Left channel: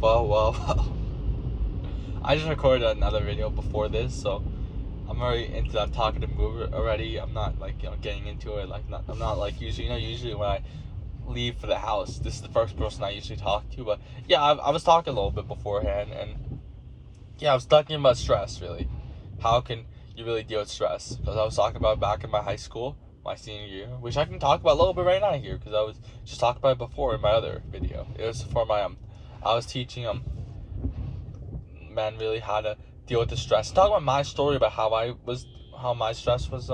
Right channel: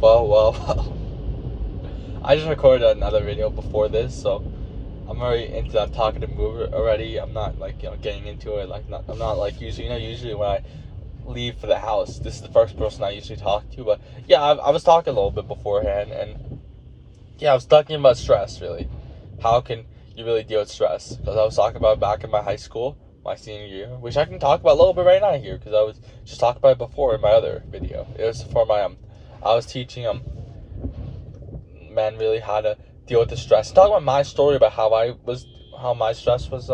Well. I just recorded another video before this, so I'm already into that talkative mood already. I'm not like getting into it. I'm not like usually usually when I leave for the house, this is the first person I usually talk to. But yeah, I was talking a little bit beforehand, and yeah, I was talking about stress really. How can you really deal with stress? Because I was talking about it back in my high school, my senior year, which I can talk about a little bit right now here because I was just talking about it before in my other video. It was for my I was teaching men really how to deal with the stress. Talking about my story about how my stress was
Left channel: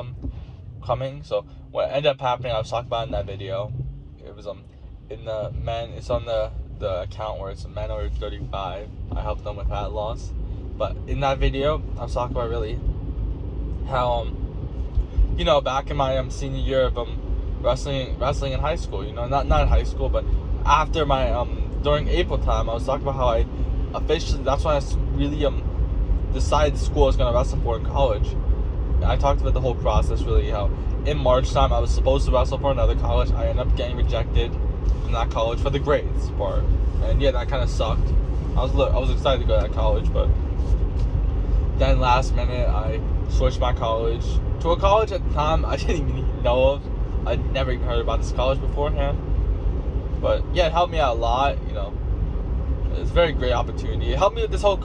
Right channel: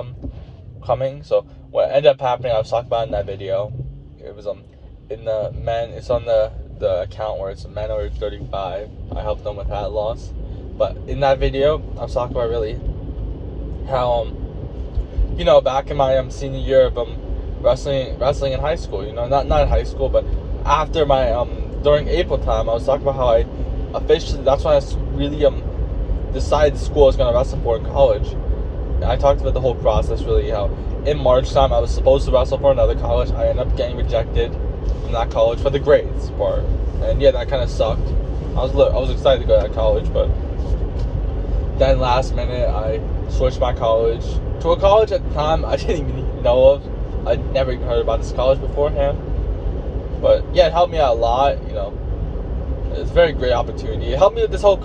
coming. So what ended up happening, I was talking about in that video. It was in the men. It's on the account where it's men over 35. I helped them with that loss. But in that video, I was talking about really how back in my senior year of wrestling in high school. Not in high school, but after my during April time, I was talking about how I officially, that's when I really decided school I was gonna wrestle for in college. And I talked about the whole process really, how in March time I was supposed to wrestle for another college. I ended up getting rejected from that college for the grades part, and yeah, that kind of sucked. I was excited to go to that college, but then last minute I switched my college to a college at the time I didn't even know of. I'd never even heard about this college beforehand, but yeah, it helped me out a lot. It's a very great opportunity. It helped me with this whole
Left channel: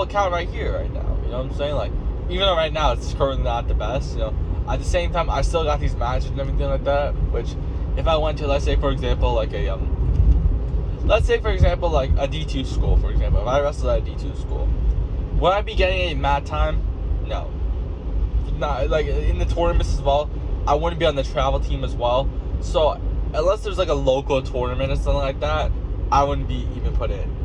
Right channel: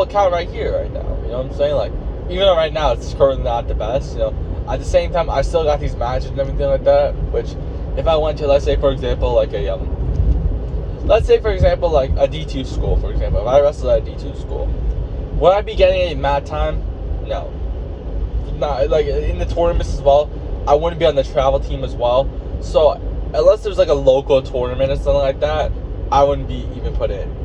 account right here, right now. You know what I'm saying? Like, even though right now it's currently not the best, at the same time I still got these matches and everything like that. Which, if I went to, let's say for example, like a D2 school, for example, if I wrestled at a D2 school, would I be getting a mat time? No. Not like in the tournaments as well. I wouldn't be on the travel team as well. So unless there's like a local tournament or something like that, I wouldn't be even put in.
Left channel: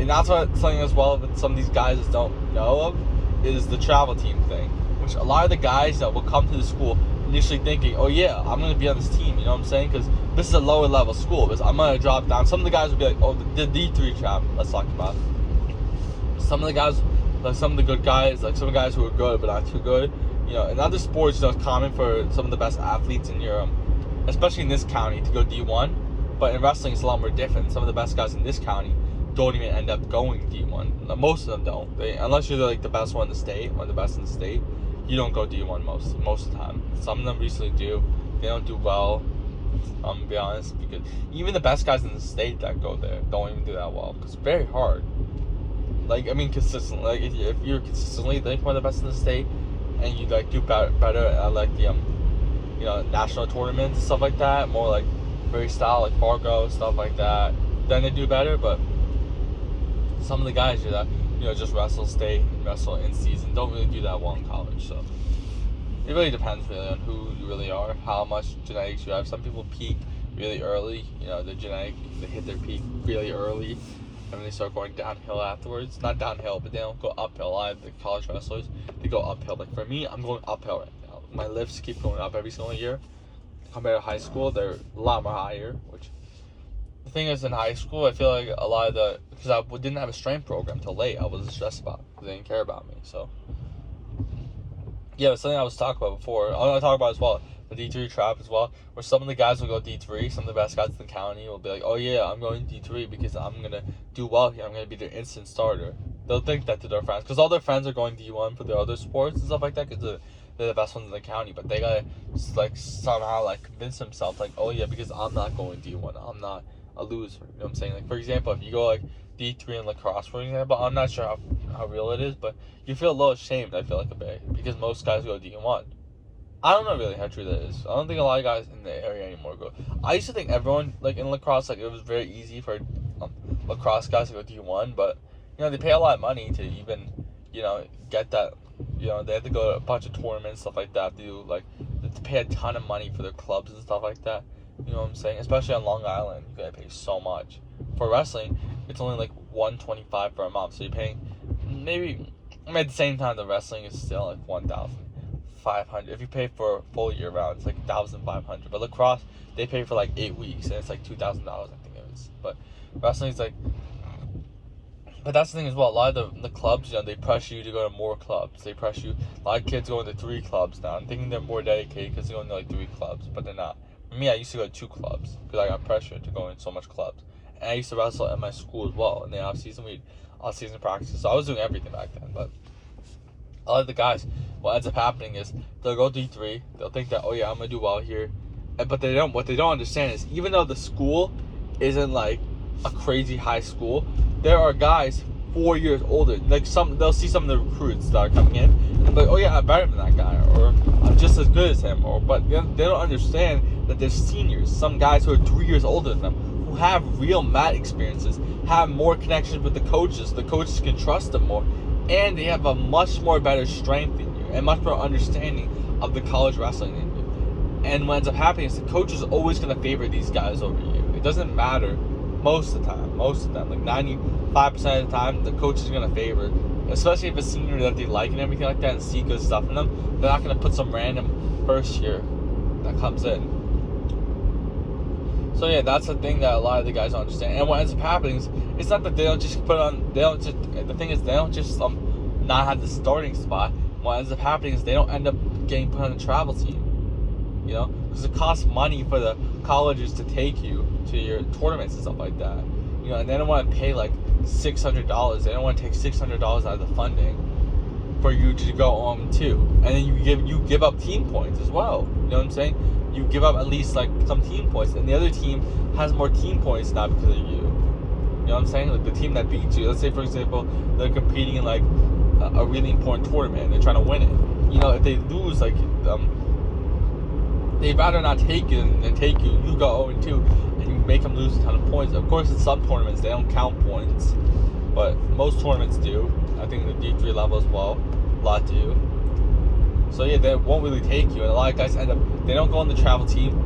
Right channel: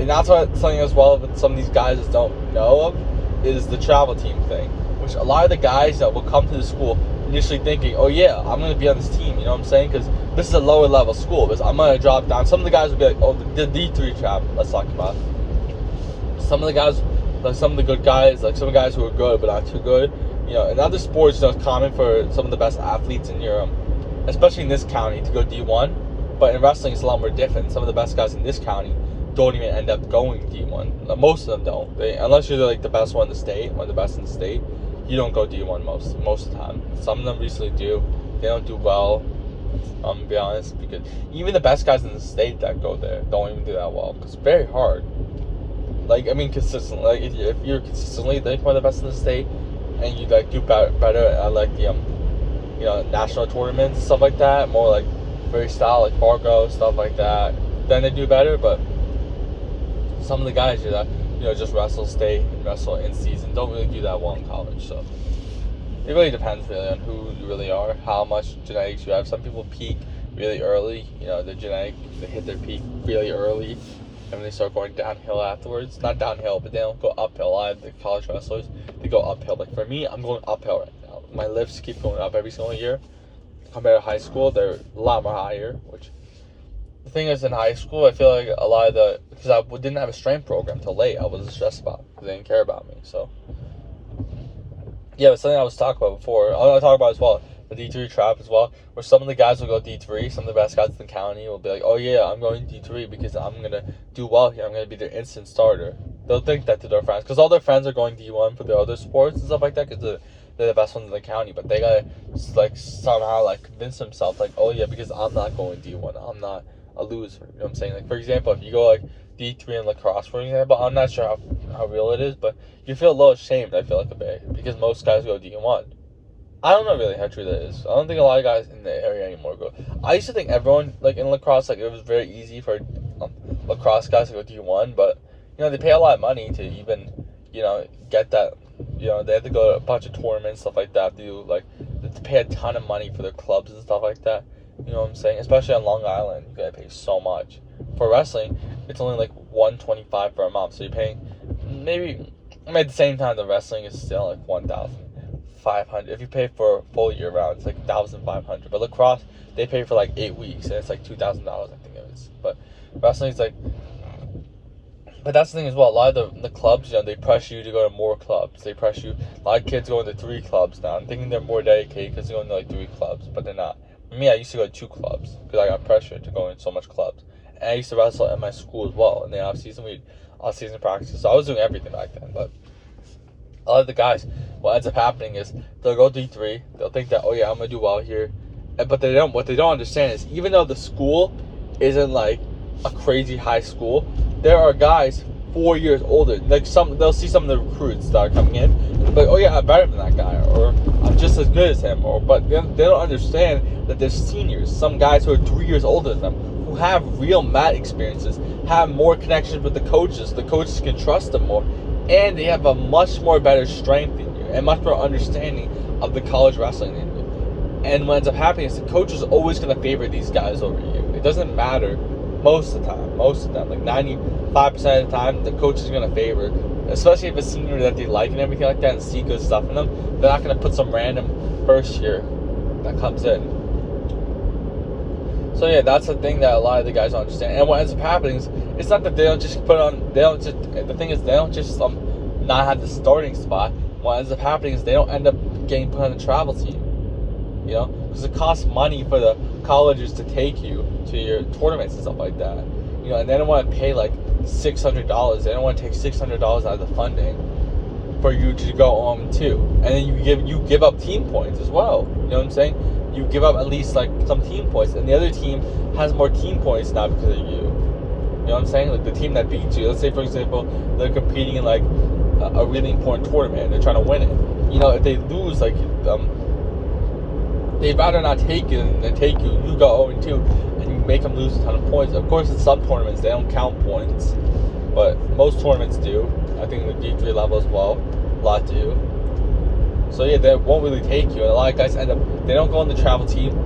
And that's what something as well that some of these guys don't know of is the travel team thing. Which a lot of the guys that will come to the school initially thinking, oh yeah, I'm going to be on this team, you know what I'm saying? Because this is a lower level school. Because I'm going to drop down. Some of the guys will be like, oh, the D3 trap, let's talk about. Some of the guys, like some of the good guys, like some guys who are good but not too good. In other sports, it's common for some of the best athletes in Europe, especially in this county, to go D1. But in wrestling, it's a lot more different. Some of the best guys in this county don't even end up going D1. Most of them don't. Unless you're like the best one in the state or the best in the state, you don't go D1 most of the time. Some of them recently do. They don't do well. To be honest, because even the best guys in the state that go there don't even do that well. It's very hard. Consistently. Like if you're consistently like one of the best in the state, and you like do better at like the national tournaments and stuff like that, more like freestyle, like Fargo, stuff like that, then they do better. But some of the guys just wrestle state and wrestle in season don't really do that well in college. So it really depends really on who you really are, how much genetics you have. Some people peak really early, the genetic, they hit their peak really early, and they start going downhill afterwards. Not downhill, but they don't go uphill. A lot of the college wrestlers, they go uphill. Like for me, I'm going uphill right now. My lifts keep going up every single year. Compared to high school, they're a lot more higher. Which the thing is, in high school, I feel like a lot of because I didn't have a strength program till late. I wasn't stressed about because they didn't care about me. So yeah, it's something I was talking about before. I want to talk about as well the D3 trap as well, where some of the guys will go D3. Some of the best guys in the county will be like, oh yeah, I'm going D3 because I'm gonna do well here. I'm gonna be their instant starter. They'll think that to their friends because all their friends are going D1 for their other sports and stuff like that because they're the best ones in the county. But they gotta somehow convince themselves oh yeah, because I'm not going D1, I'm not a loser. You know what I'm saying? Like for example, if you go D3 in lacrosse, for example, I'm not sure how real it is, but you feel a little ashamed. I feel like a bit because most guys go D1. I don't know really how true that is. I don't think a lot of guys in the area anymore go. I used to think everyone in lacrosse it was very easy for lacrosse guys to go D1, but they pay a lot of money to even get that. They have to go to a bunch of tournaments, stuff like that. They pay a ton of money for their clubs and stuff like that. You know what I'm saying? Especially on Long Island, you gotta pay so much. For wrestling, it's only $125 for a month, so you're paying maybe. At the same time, the wrestling is still $1,500. If you pay for a full year round, it's $1,500. But lacrosse, they pay for 8 weeks, and it's $2,000. I think it is. But wrestling is But that's the thing as well. A lot of the clubs, they pressure you to go to more clubs. They pressure you. A lot of kids go into 3 clubs now. I'm thinking they're more dedicated because they're going to 3 clubs, but they're not. For me, I used to go to 2 clubs because I got pressured to go in so much clubs. And I used to wrestle at my school as well. In the off-season practices. So I was doing everything back then. But a lot of the guys, what ends up happening is they'll go D3. They'll think that, oh yeah, I'm going to do well here. But they don't. What they don't understand is even though the school isn't like a crazy high school, there are guys 4 years older. Like they'll see some of the recruits that are coming in, and be like, oh yeah, I'm better than that guy, or I'm just as good as him. But they don't understand that there's seniors, some guys who are 3 years older than them, who have real mat experiences, have more connections with the coaches. The coaches can trust them more, and they have a much more better strength than you, and much more understanding of the college wrestling than you. And what ends up happening is the coach is always going to favor these guys over you. It doesn't matter most of the time, like 95% of the time, the coach is going to favor, especially if it's a senior that they like and everything like that and see good stuff in them. They're not going to put some random first year that comes in. So yeah, that's the thing that a lot of the guys don't understand. And what ends up happening is, it's not that they don't just the thing is they don't just not have the starting spot. What ends up happening is they don't end up getting put on the travel team. You know, because it costs money for the colleges to take you to your tournaments and stuff like that. You know, and they don't want to pay like $600. They don't want to take $600 out of the funding for you to go on too. And then you give up team points as well. You know what I'm saying? You give up at least like some team points, and the other team has more team points now because of you. You know what I'm saying? Like the team that beats you. Let's say for example they're competing in like a really important tournament and they're trying to win it. You know, if they lose, like they'd rather not take you than take you. You go 0-2 and you make them lose a ton of points. Of course, in some tournaments, they don't count points. But most tournaments do. I think the D3 level as well. A lot do. So yeah, they won't really take you. And a lot of guys end up, they don't go on the travel team.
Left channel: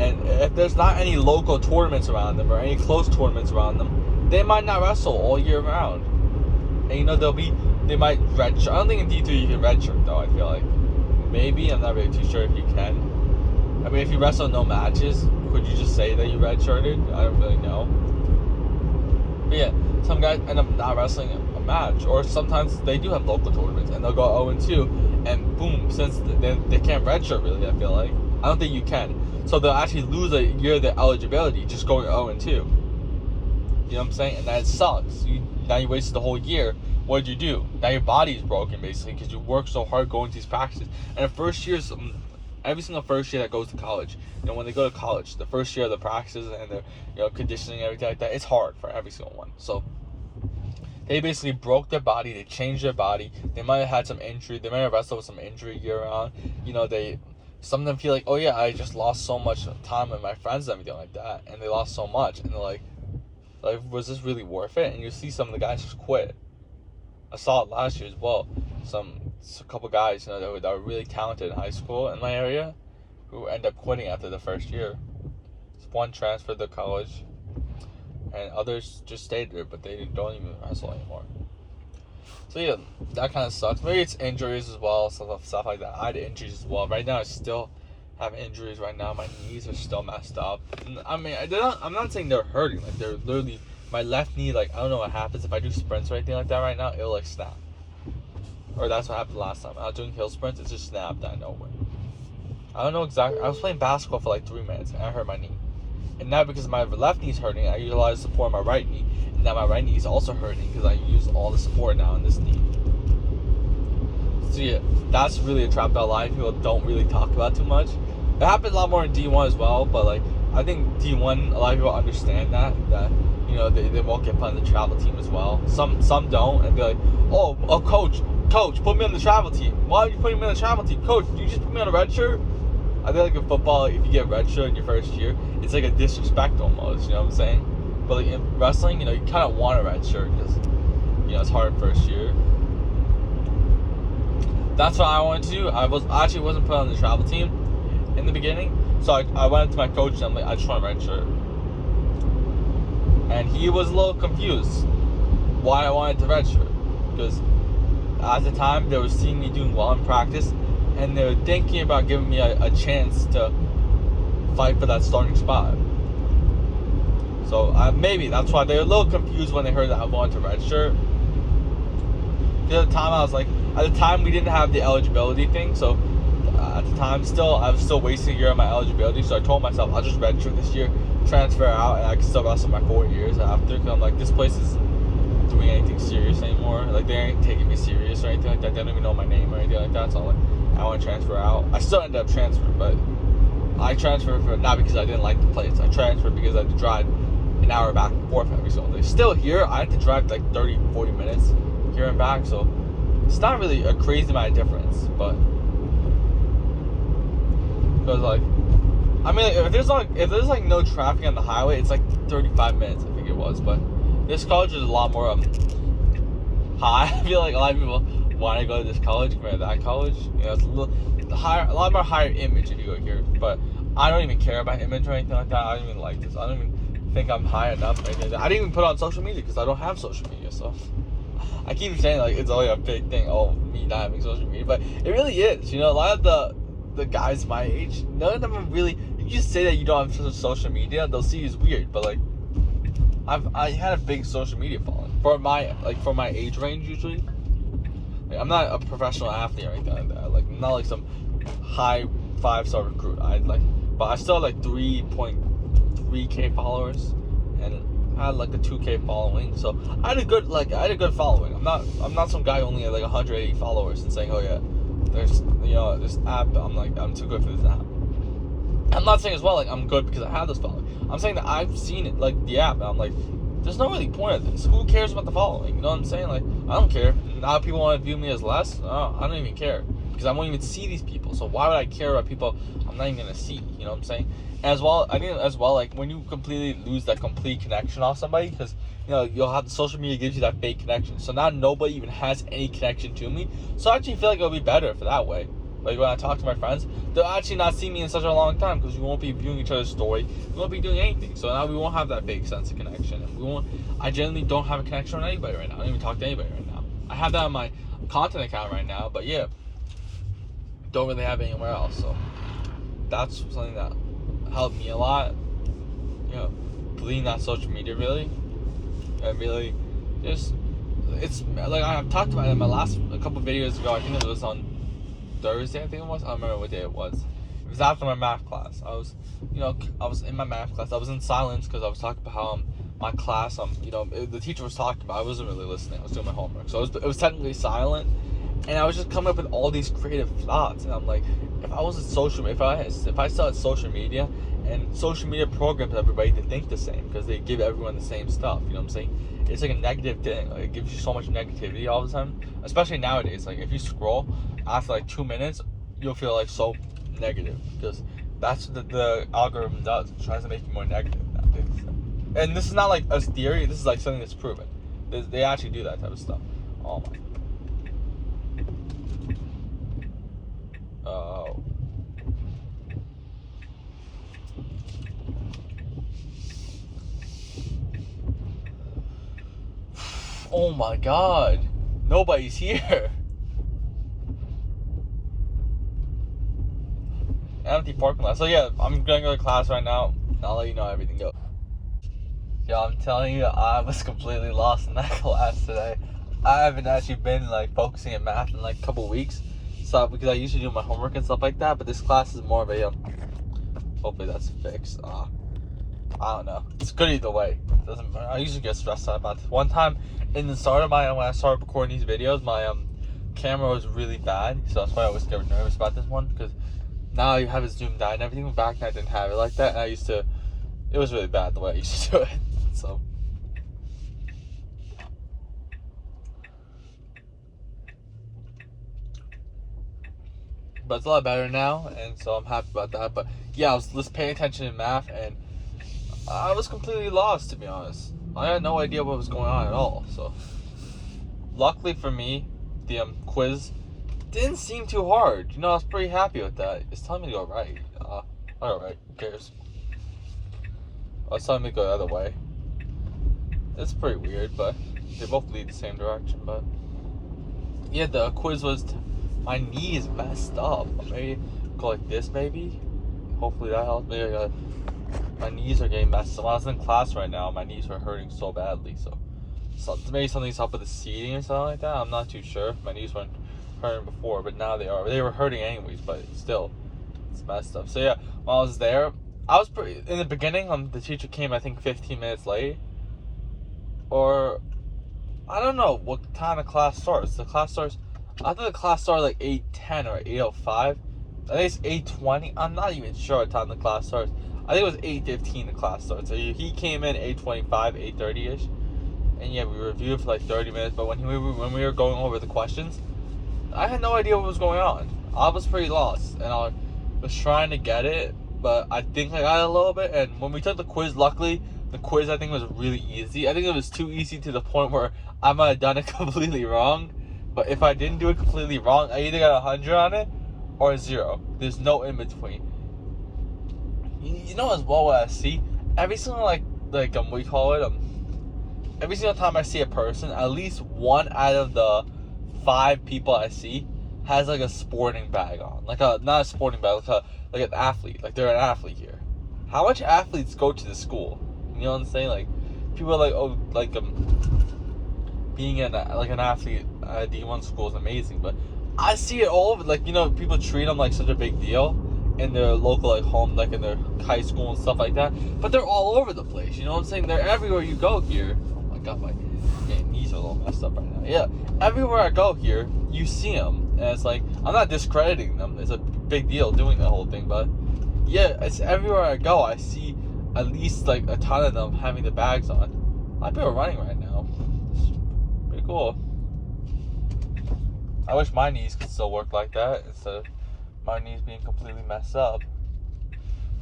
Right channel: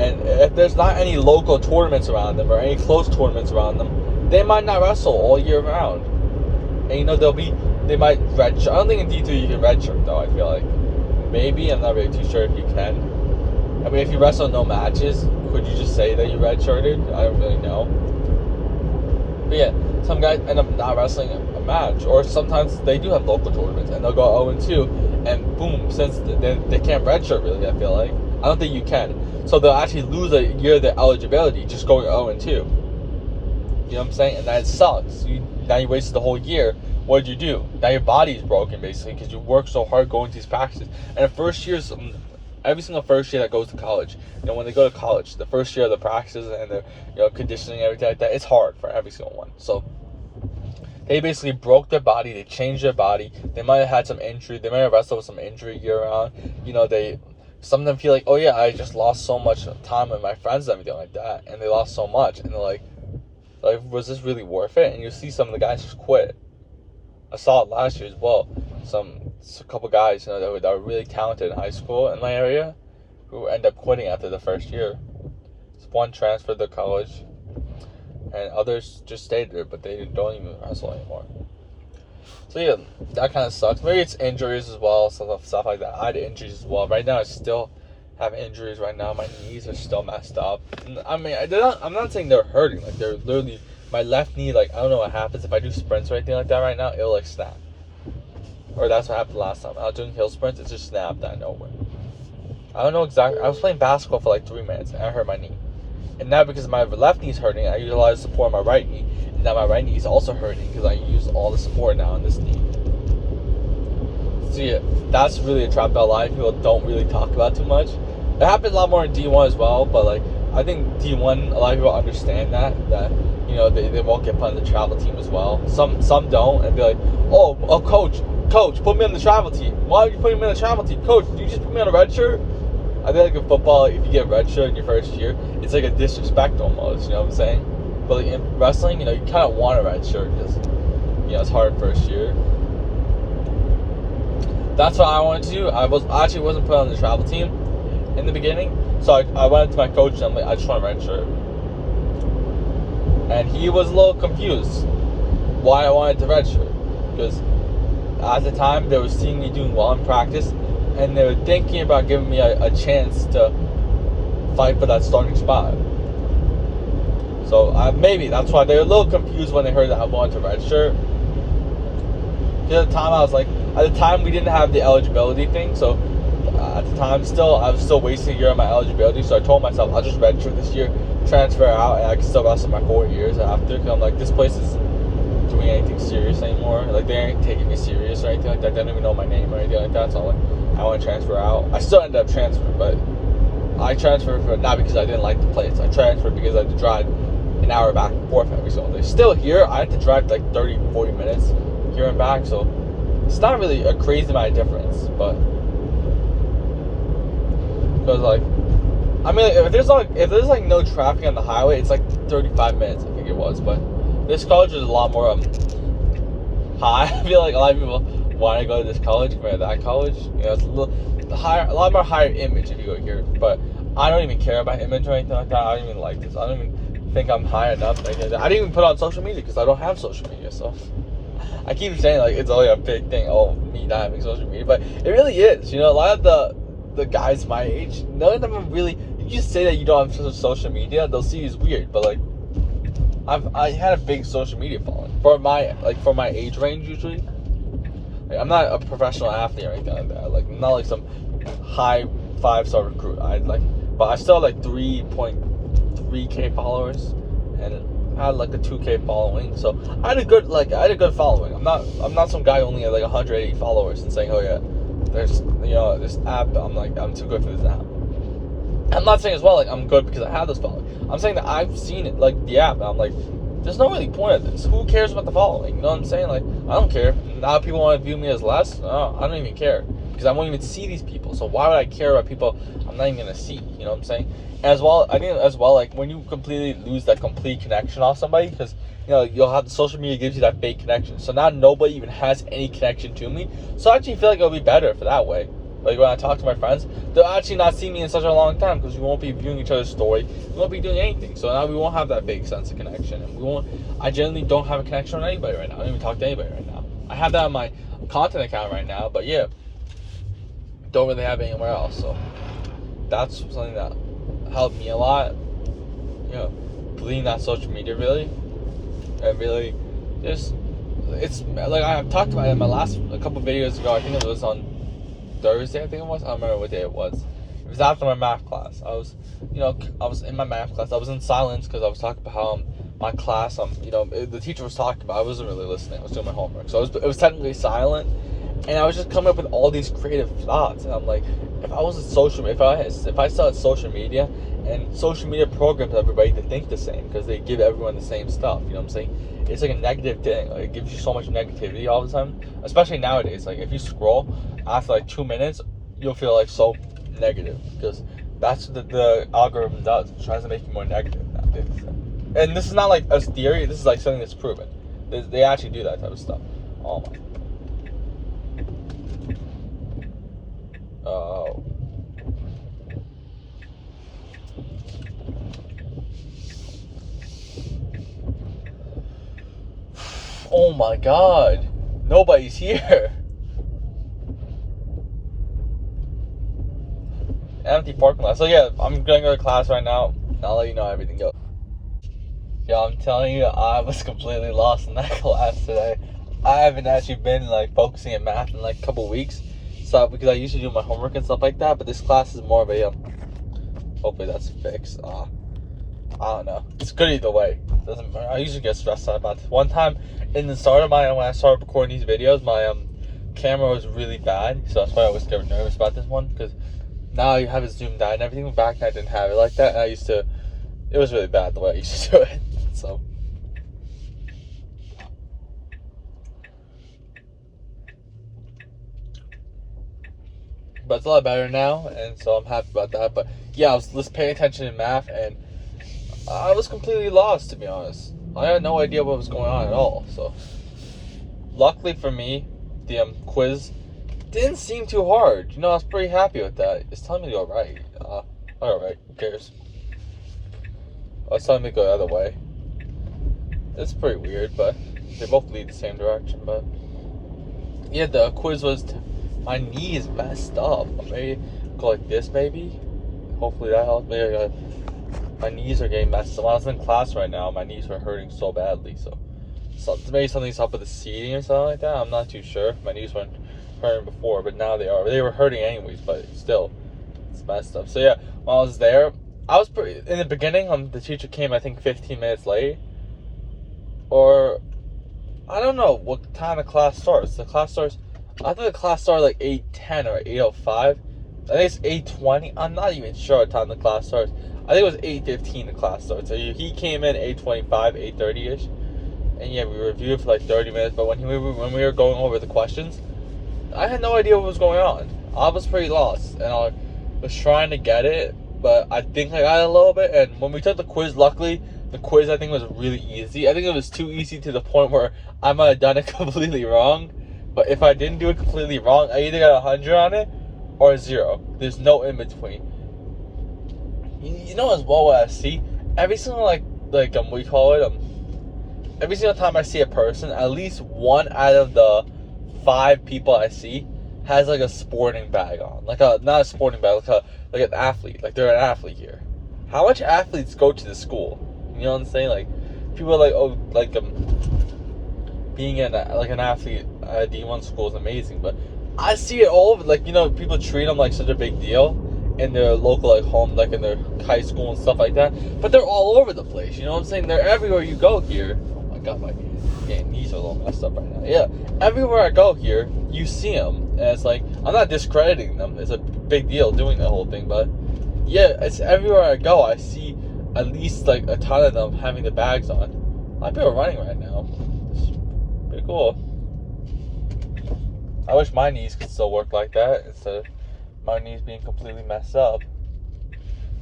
And if there's not any local tournaments around them or any close tournaments around them, they might not wrestle all year round. And you know, they might redshirt. I don't think in D3 you can redshirt though, I feel like. Maybe, I'm not really too sure if you can. I mean, if you wrestle no matches, could you just say that you redshirted? I don't really know. But yeah, some guys end up not wrestling a match, or sometimes they do have local tournaments and they'll go 0-2, and boom, since they can't redshirt really, I feel like. I don't think you can. So they'll actually lose a year of their eligibility just going 0-2. You know what I'm saying? And that sucks. Now you wasted the whole year. What did you do? Now your body's broken basically because you worked so hard going to these practices. And the first year's every single first year that goes to college, you know, when they go to college, the first year of the practices and the, you know, conditioning and everything like that, it's hard for every single one. So they basically broke their body, they changed their body. They might have had some injury, they might have wrestled with some injury year round. You know, some of them feel like, oh yeah, I just lost so much time with my friends and everything like that, and they lost so much, and they're like, was this really worth it? And you see some of the guys just quit. I saw it last year as well. A couple guys, you know, that were really talented in high school in my area, who end up quitting after the first year. One transferred to college, and others just stayed there, but they don't even wrestle anymore. So yeah, that kind of sucks. Maybe it's injuries as well, stuff like that. I had injuries as well. Right now, I still have injuries. Right now, my knees are still messed up. I mean, I'm not saying they're hurting. Like they're literally, my left knee. Like I don't know what happens if I do sprints or anything like that. Right now, it'll like snap. Or that's what happened last time. I was doing hill sprints, it just snapped out of nowhere. I don't know exactly. I was playing basketball for like 3 minutes and I hurt my knee. And now because my left knee's hurting, I use a lot of support on my right knee. And now my right knee is also hurting because I use all the support now on this knee. So yeah, that's really a trap that a lot of people don't really talk about too much. It happens a lot more in D1 as well, but like I think D1, a lot of people understand that you know they won't get put on the travel team as well. Some don't, and be like, oh coach, put me on the travel team. Why are you putting me on the travel team? Coach, you just put me on a red shirt? I feel like in football, if you get a red shirt in your first year, it's like a disrespect almost, you know what I'm saying? But like in wrestling, you know, you kind of want a red shirt because, you know, it's hard first year. That's what I wanted to do. I actually wasn't put on the travel team in the beginning, so I went up to my coach and I'm like, I just want a red shirt. And he was a little confused why I wanted the red shirt, because at the time they were seeing me doing well in practice and they were thinking about giving me a chance to fight for that starting spot. So maybe that's why they were a little confused when they heard that I wanted to redshirt. Because at the time we didn't have the eligibility thing, so at the time I was still wasting a year of my eligibility, so I told myself I'll just redshirt this year transfer out and I can still wrestle my 4 years after. Because I'm like, this place isn't doing anything serious anymore. Like, they ain't taking me serious or anything like that. They don't even know my name or anything like that. So I'm like, I want to transfer out. I still ended up transferring, but I transferred for not because I didn't like the place. I transferred because I had to drive an hour back and forth every single day. Still here, I had to drive like 30, 40 minutes here and back. So it's not really a crazy amount of difference, but because like, I mean, if there's like no traffic on the highway, it's like 35 minutes, I think it was. But this college is a lot more high. I feel like a lot of people want to go to this college compared to that college. You know, it's a lot more higher image if you go here. But I don't even care about image or anything like that. I don't even like this. I don't even think I'm high enough. I didn't even put on social media because I don't have social media. So I keep saying like it's only a big thing. Oh, me not having social media, but it really is. You know, a lot of the guys my age, none of them are really. You just say that you don't have social media, they'll see you as weird. But like, I had a big social media following for my age range usually. Like, I'm not a professional athlete or anything like that. Like, I'm not like some high 5-star recruit. But I still had like 3.3K followers, and I had like a 2K following. So I had a good following. I'm not some guy who only had like 180 followers and saying, oh yeah, there's this app. I'm too good for this app. I'm not saying as well like I'm good because I have this following. I'm saying that I've seen it, like the app, and I'm like, there's no really point of this. Who cares about the following? You know what I'm saying? Like, I don't care. Now people want to view me as less. No, I don't even care because I won't even see these people. So why would I care about people I'm not even gonna see? You know what I'm saying? As well, I think as well, like when you completely lose that complete connection off somebody, because you'll have the social media gives you that fake connection. So now nobody even has any connection to me. So I actually feel like it'll be better for that way. Like when I talk to my friends, they'll actually not see me in such a long time because we won't be viewing each other's story. We won't be doing anything. So now we won't have that big sense of connection. And I generally don't have a connection with anybody right now. I don't even talk to anybody right now. I have that on my content account right now, but yeah, don't really have it anywhere else. So that's something that helped me a lot. Deleting that social media really, and really just it's like I've talked about it in my last a couple videos ago. I think it was on Thursday, I think it was. I don't remember what day it was. It was after my math class. I was in my math class. I was in silence because I was talking about how my class, the teacher was talking about. I wasn't really listening. I was doing my homework, so it was technically silent. And I was just coming up with all these creative thoughts. And I'm like, if I still had social media, and social media programs everybody to think the same because they give everyone the same stuff. You know what I'm saying? It's like a negative thing. Like, it gives you so much negativity all the time, especially nowadays. Like if you scroll after like 2 minutes, you'll feel like so negative because that's what the algorithm does. It tries to make you more negative nowadays. And this is not like a theory. This is like something that's proven. They actually do that type of stuff. Oh my. Oh my god. Nobody's here. Empty parking lot. So yeah, I'm gonna go to class right now. I'll let you know how everything goes. Yeah, I'm telling you, I was completely lost in that class today. I haven't actually been like focusing in math in like a couple weeks. So because I usually do my homework and stuff like that, but this class is more of a hopefully that's fixed. I don't know. It's good either way. Doesn't matter. I usually get stressed out about it. One time in the start of when I started recording these videos, my camera was really bad, so that's why I always get nervous about this one, because now you have it zoomed out and everything. Back then I didn't have it like that, and it was really bad the way I used to do it. So but it's a lot better now, and so I'm happy about that. But yeah, I was just paying attention in math, and I was completely lost, to be honest. I had no idea what was going on at all. So luckily for me, the quiz didn't seem too hard. I was pretty happy with that. It's telling me to go right. Alright, who cares? It's telling me to go the other way. It's pretty weird, but they both lead the same direction. But yeah, the quiz was my knee is messed up. I'm ready to go like this, maybe. Hopefully that helps me. My knees are getting messed up. When I was in class right now, my knees were hurting so badly. So maybe something's up with the seating or something like that. I'm not too sure. My knees weren't hurting before, but now they are. They were hurting anyways, but still, it's messed up. So yeah, when I was there, I was pretty in the beginning. The teacher came, I think, 15 minutes late, or I don't know what time the class starts. The class starts. I thought the class started like 8:10 or 8:05. I think it's 8:20. I'm not even sure what time the class starts. I think it was 8:15 the class starts. So he came in 8:25, 8:30 ish, and yeah, we reviewed for like 30 minutes. But when we were going over the questions, I had no idea what was going on. I was pretty lost, and I was trying to get it, but I think I got it a little bit. And when we took the quiz, luckily, the quiz I think was really easy. I think it was too easy to the point where I might have done it completely wrong. But if I didn't do it completely wrong, I either got 100 on it or 0. There's no in between. You know as well what I see? Every single we call it every single time I see a person, at least one out of the 5 people I see has like a sporting bag on. Not a sporting bag, like an athlete. Like they're an athlete here. How much athletes go to the school? You know what I'm saying? Like people are like, oh, like being an athlete at D1 school is amazing, but I see it all over. Like, you know, people treat them like such a big deal in their local like home, like in their high school and stuff like that. But they're all over the place. You know what I'm saying? They're everywhere you go here. Oh my god, my knees are a little messed up right now. Yeah, everywhere I go here, you see them, and it's like I'm not discrediting them. It's a big deal doing that whole thing, but yeah, it's everywhere I go. I see at least like a ton of them having the bags on. I feel running right now. Pretty cool. I wish my knees could still work like that instead of my knees being completely messed up.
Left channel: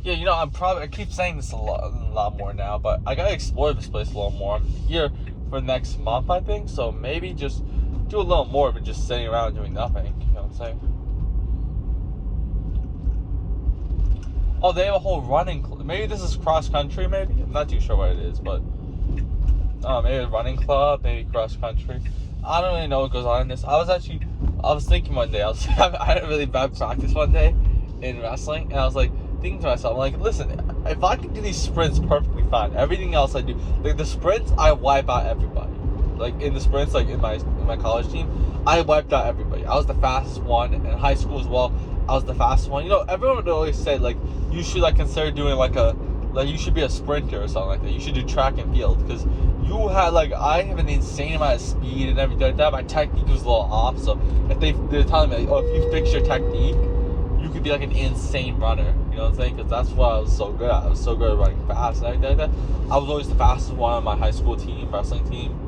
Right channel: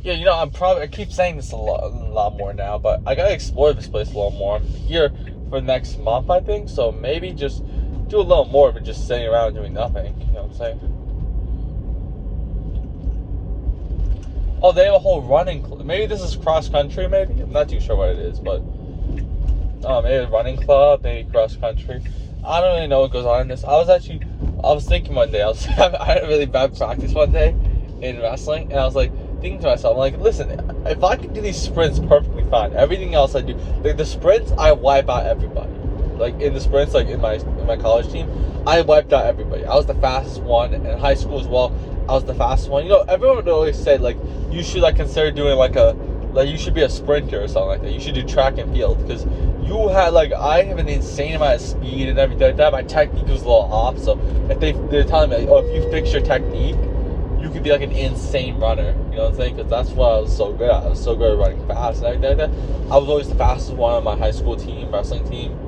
Yeah, you know, I keep saying this a lot more now, but I gotta explore this place a little more. I'm here for next month, I think, so maybe just do a little more than just sitting around doing nothing. You know what I'm saying? Oh, they have a whole running club. Maybe this is cross country, maybe? I'm not too sure what it is, but maybe a running club, maybe cross country. I don't really know what goes on in this. I was thinking one day, I had a really bad practice one day in wrestling, and I was like thinking to myself, I'm like, listen, if I can do these sprints perfectly fine, everything else I do, like the sprints, I wipe out everybody. Like in the sprints, like in my college team, I wiped out everybody. I was the fastest one in high school as well. I was the fastest one. You know, everyone would always say like you should like consider doing like you should be a sprinter or something like that. You should do track and field because you had like I have an insane amount of speed and everything like that. My technique was a little off, so if they're telling me like, oh, if you fix your technique, you could be like an insane runner. You know what I'm saying? Because that's what I was so good at. I was so good at running fast and everything like that. I was always the fastest one on my high school team, wrestling team.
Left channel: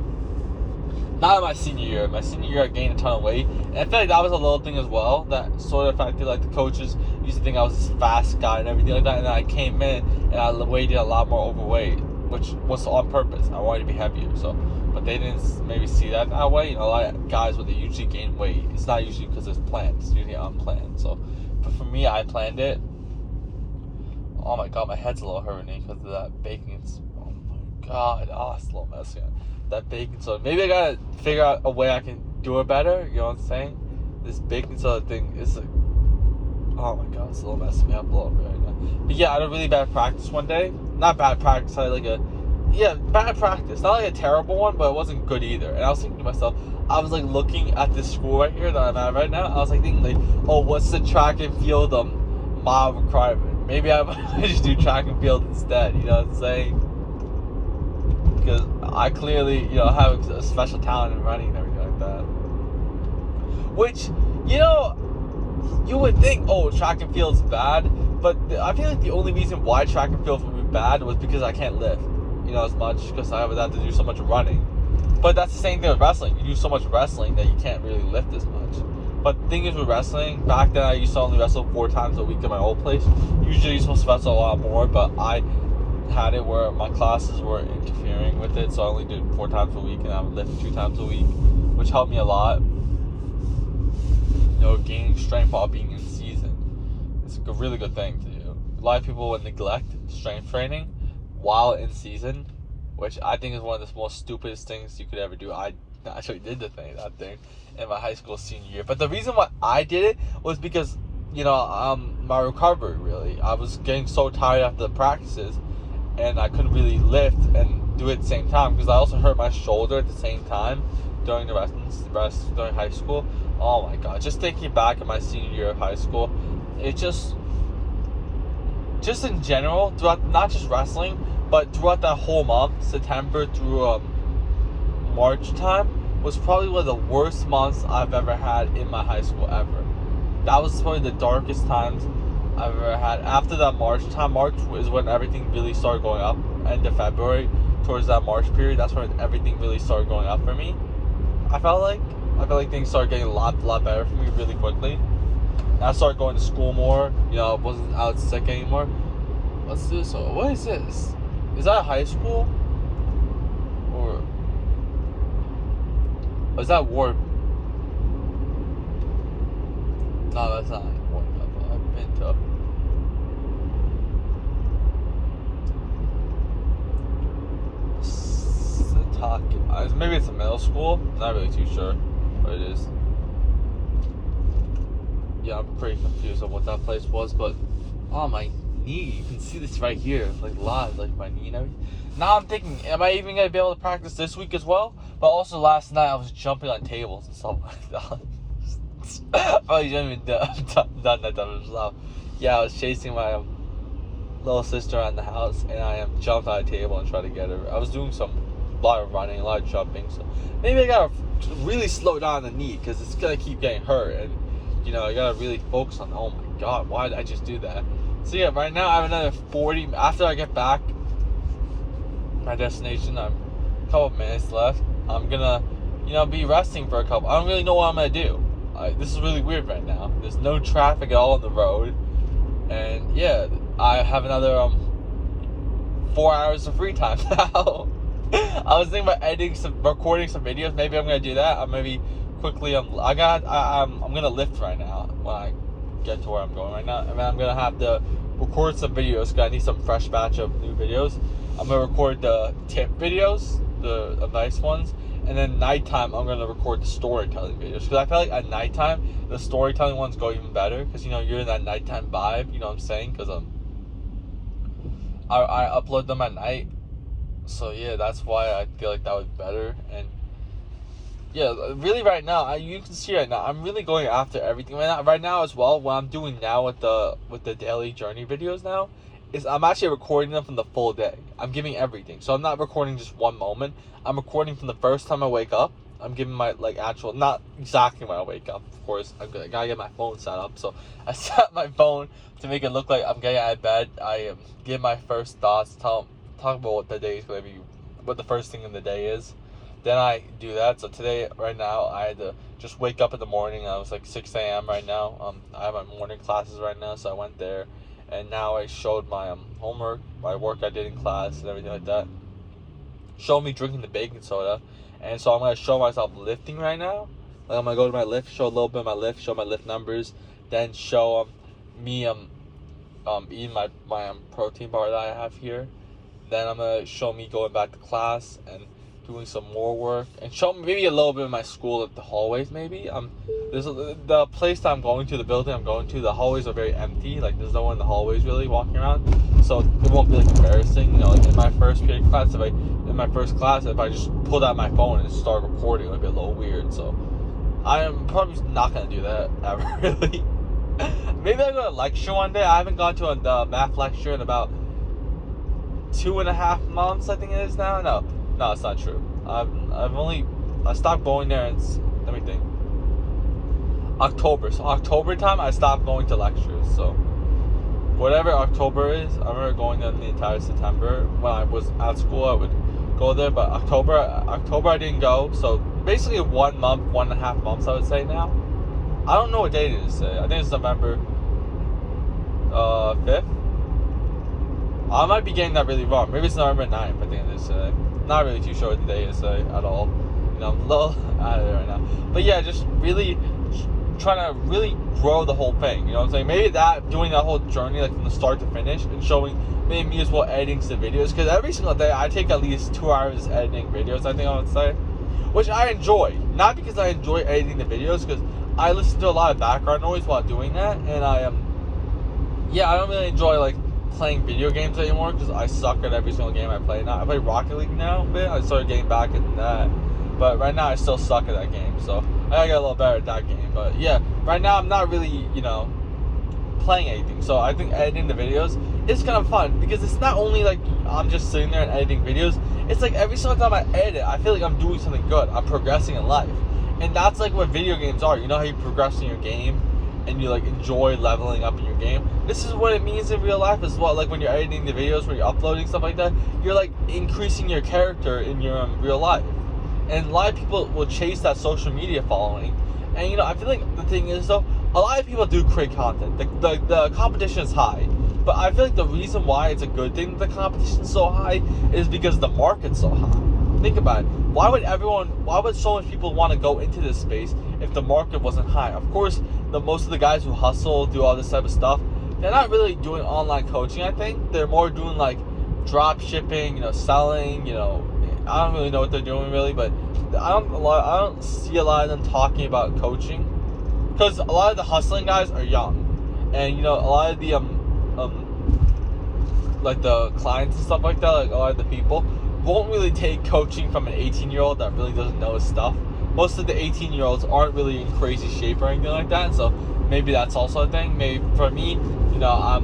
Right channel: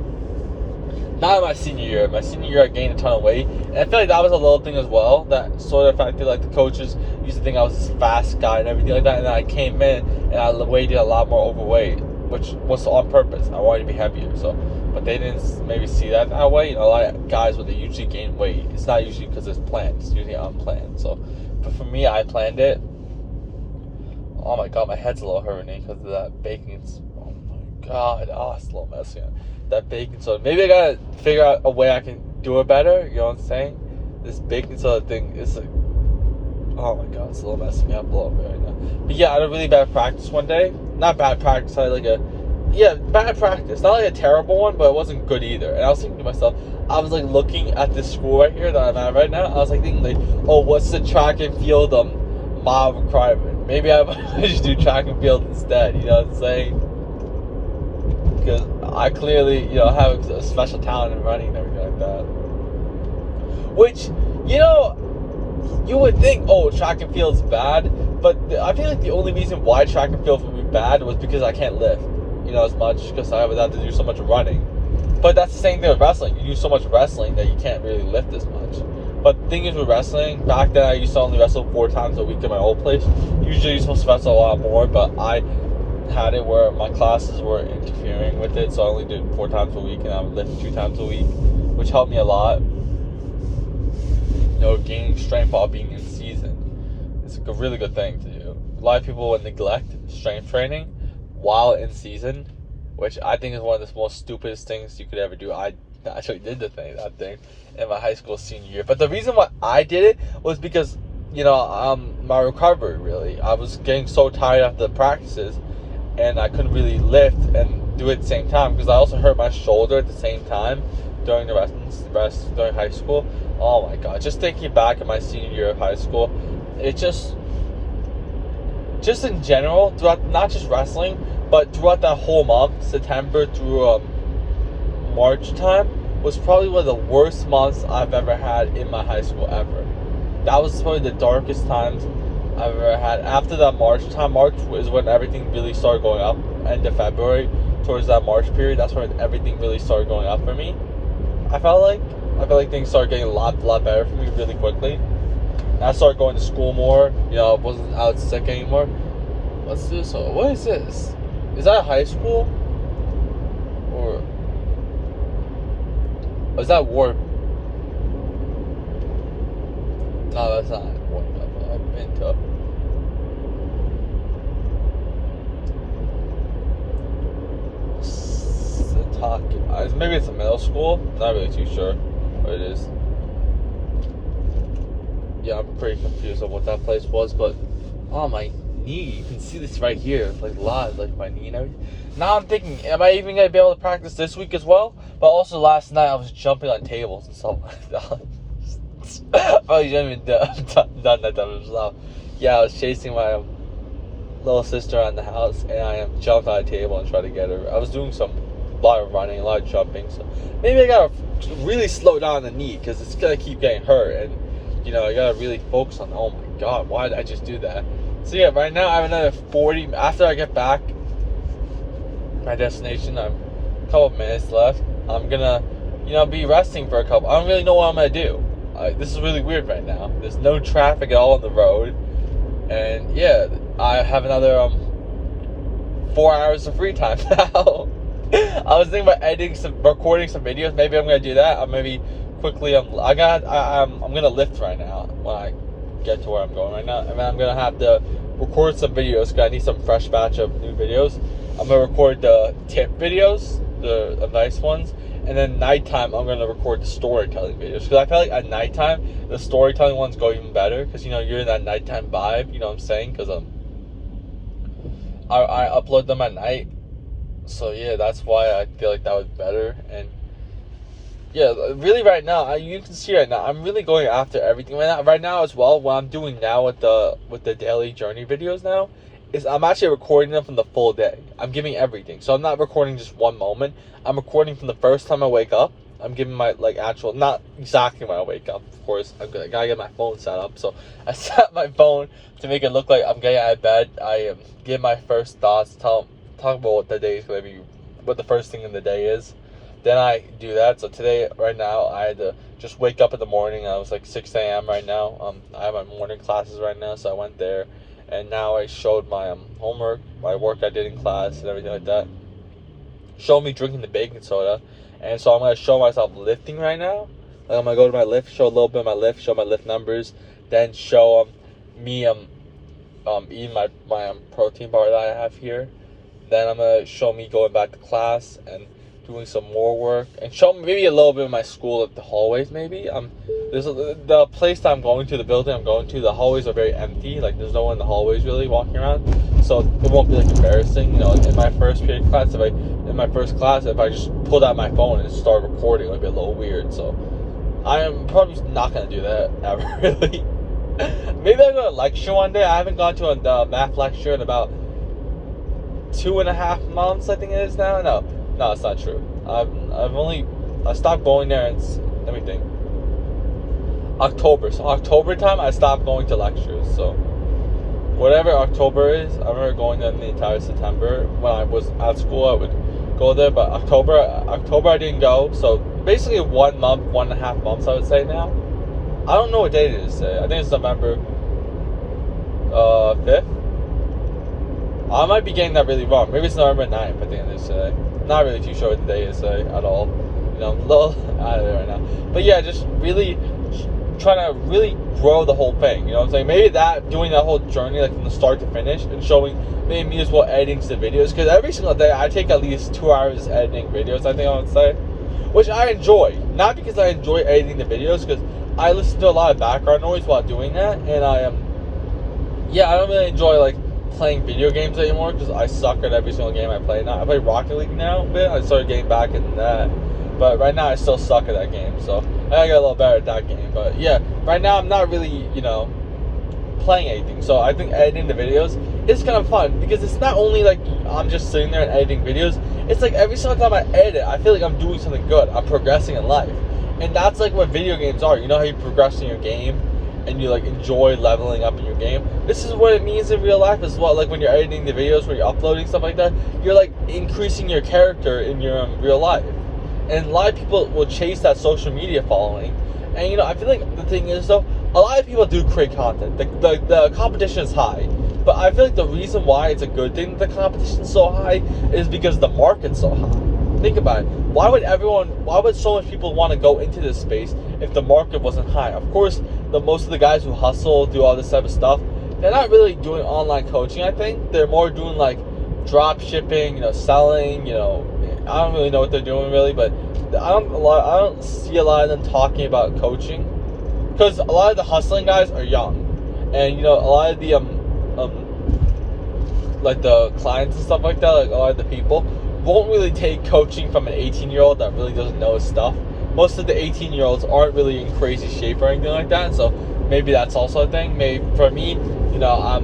Not in my senior year. My senior year, I gained a ton of weight, and I feel like that was a little thing as well. That sort of affected like the coaches used to think I was this fast guy and everything like that. And then I came in and I weighed a lot more overweight, which was on purpose. I wanted to be heavier, so but they didn't maybe see that way. You know, a lot of guys when they usually gain weight, it's not usually because it's planned. It's usually unplanned. So, but for me, I planned it. Oh my god, my head's a little hurting because of that baking. Oh my god, it's a little messy. That baking soda. Maybe I gotta figure out a way I can do it better. You know what I'm saying? This baking soda thing is like, oh my god, it's a little messing me up a little bit right now. But yeah, I had a really bad practice one day. Not bad practice, I had bad practice. Not like a terrible one, but it wasn't good either. And I was thinking to myself, I was like looking at this school right here that I'm at right now. I was like thinking like, oh, what's the track and field mile requirement? Maybe I might just do track and field instead. You know what I'm saying? Because I clearly, you know, have a special talent in running and everything like that. Which, you know, you would think, oh, track and field's bad, but I feel like the only reason why track and field would be bad was because I can't lift, you know, as much, because I would have to do so much running. But that's the same thing with wrestling. You do so much wrestling that you can't really lift as much. But the thing is with wrestling, back then I used to only wrestle 4 times a week in my old place. Usually you're supposed to wrestle a lot more, but I had it where my classes were interfering with it, so I only did 4 times a week, and I would lift 2 times a week, which helped me a lot. You know, gaining strength while being in season. It's a really good thing to do. A lot of people would neglect strength training while in season, which I think is one of the most stupidest things you could ever do. I actually did that thing in my high school senior year. But the reason why I did it was because, you know, my recovery, really. I was getting so tired after the practices, and I couldn't really lift and do it at the same time, because I also hurt my shoulder at the same time during the rest during high school. Oh my god, just thinking back at my senior year of high school, it just just in general, throughout, not just wrestling, but throughout that whole month, September through March time, was probably one of the worst months I've ever had in my high school ever. That was probably the darkest times I've ever had. After that March time, March is when everything really started going up. End of February, towards that March period, that's when everything really started going up for me. I felt like things started getting a lot better for me really quickly. And I started going to school more. You know, I wasn't out sick anymore. What's this? What is this? Is that high school? Or is that Warp? No, that's not Warp. I've been to. Maybe it's a middle school. Not really too sure what it is. Yeah, I'm pretty confused on what that place was, but oh, my knee, you can see this right here, like live, like my knee and everything. Now I'm thinking, am I even gonna be able to practice this week as well? But also last night I was jumping on tables and stuff like that. Oh, you shouldn't even done that type of stuff. Yeah, I was chasing my little sister around the house, and I jumped on a table and tried to get her. I was doing a lot of running, a lot of jumping, so maybe I gotta really slow down the knee, because it's gonna keep getting hurt, and you know, I gotta really focus on, oh my god, why did I just do that? So yeah, right now I have another 40, after I get back my destination, I'm a couple minutes left. I'm gonna, you know, be resting for a couple. I don't really know what I'm gonna do. This is really weird right now. There's no traffic at all on the road, and yeah, I have another 4 hours of free time now. I was thinking about recording some videos. Maybe I'm gonna do that. I'm maybe quickly. I'm gonna lift right now when I get to where I'm going right now, and then I'm gonna have to record some videos because I need some fresh batch of new videos. I'm gonna record the tip videos, the advice ones, and then nighttime I'm gonna record the storytelling videos, because I feel like at nighttime the storytelling ones go even better, because you know you're in that nighttime vibe. You know what I'm saying? Because I upload them at night. So yeah, that's why I feel like that was better. And yeah, really right now, you can see right now, I'm really going after everything right now as well. What I'm doing now with the daily journey videos now is I'm actually recording them from the full day. I'm giving everything. So I'm not recording just one moment. I'm recording from the first time I wake up. I'm giving my actual, not exactly when I wake up, of course. I gotta get my phone set up. So I set my phone to make it look like I'm getting out of bed. I give my first thoughts, talk about what the day is going to be, what the first thing in the day is. Then I do that. So today, right now, I had to just wake up in the morning. I was like 6 a.m. right now. I have my morning classes right now, so I went there. And now I showed my homework, my work I did in class and everything like that. Showed me drinking the baking soda. And so I'm going to show myself lifting right now. Like I'm going to go to my lift, show a little bit of my lift, show my lift numbers. Then show me eating my protein bar that I have here. Then I'm going to show me going back to class and doing some more work, and show me maybe a little bit of my school, like the hallways maybe. The place that I'm going to, the building I'm going to, the hallways are very empty. Like there's no one in the hallways really walking around, so it won't be like embarrassing. You know, like in my first period class, if I just pulled out my phone and started recording, it would be a little weird. So I am probably not going to do that ever, really. Maybe I'll go to a lecture one day. I haven't gone to a math lecture in about 2.5 months, I think it is now. No, it's not true. I stopped going there. Let me think. October. So October time, I stopped going to lectures. So whatever October is, I remember going there the entire September. When I was at school, I would go there. But October I didn't go. So basically 1 month, 1.5 months, I would say now. I don't know what date it is today. I think it's November 5th. I might be getting that really wrong. Maybe it's November 9th at the end of this today. Not really too sure what the day is today at all. You know, a little out of it right now. But yeah, just really trying to really grow the whole thing. You know what I'm saying? Maybe doing that whole journey, like from the start to finish, and showing maybe me as well editing the videos. Because every single day I take at least 2 hours editing videos, I think I would say. Which I enjoy. Not because I enjoy editing the videos, because I listen to a lot of background noise while doing that. And I don't really enjoy like playing video games anymore, because I suck at every single game I play now. I play Rocket League now a bit. I started getting back into that, but right now I still suck at that game, so I gotta get a little better at that game. But yeah, right now I'm not really, you know, playing anything. So I think editing the videos is kind of fun because it's not only like I'm just sitting there and editing videos. It's like every single time I edit, I feel like I'm doing something good. I'm progressing in life. And that's like what video games are. You know how you progress in your game and you like enjoy leveling up in your game? This is what it means in real life as well. Like when you're editing the videos, when you're uploading stuff like that, you're like increasing your character in your real life. And a lot of people will chase that social media following. And you know, I feel like the thing is though, a lot of people do create content. The competition is high. But I feel like the reason why it's a good thing that the competition is so high is because the market's so high. Think about it. Why would so much people want to go into this space if the market wasn't high? Of course, most of the guys who hustle, do all this type of stuff, they're not really doing online coaching, I think. They're more doing like drop shipping, you know, selling, you know. I don't really know what they're doing really, but I don't see a lot of them talking about coaching. Because a lot of the hustling guys are young. And you know, a lot of the like the clients and stuff like that, like a lot of the people won't really take coaching from an 18-year-old that really doesn't know his stuff. Most of the 18-year-olds aren't really in crazy shape or anything like that, so maybe that's also a thing. Maybe for me, you know,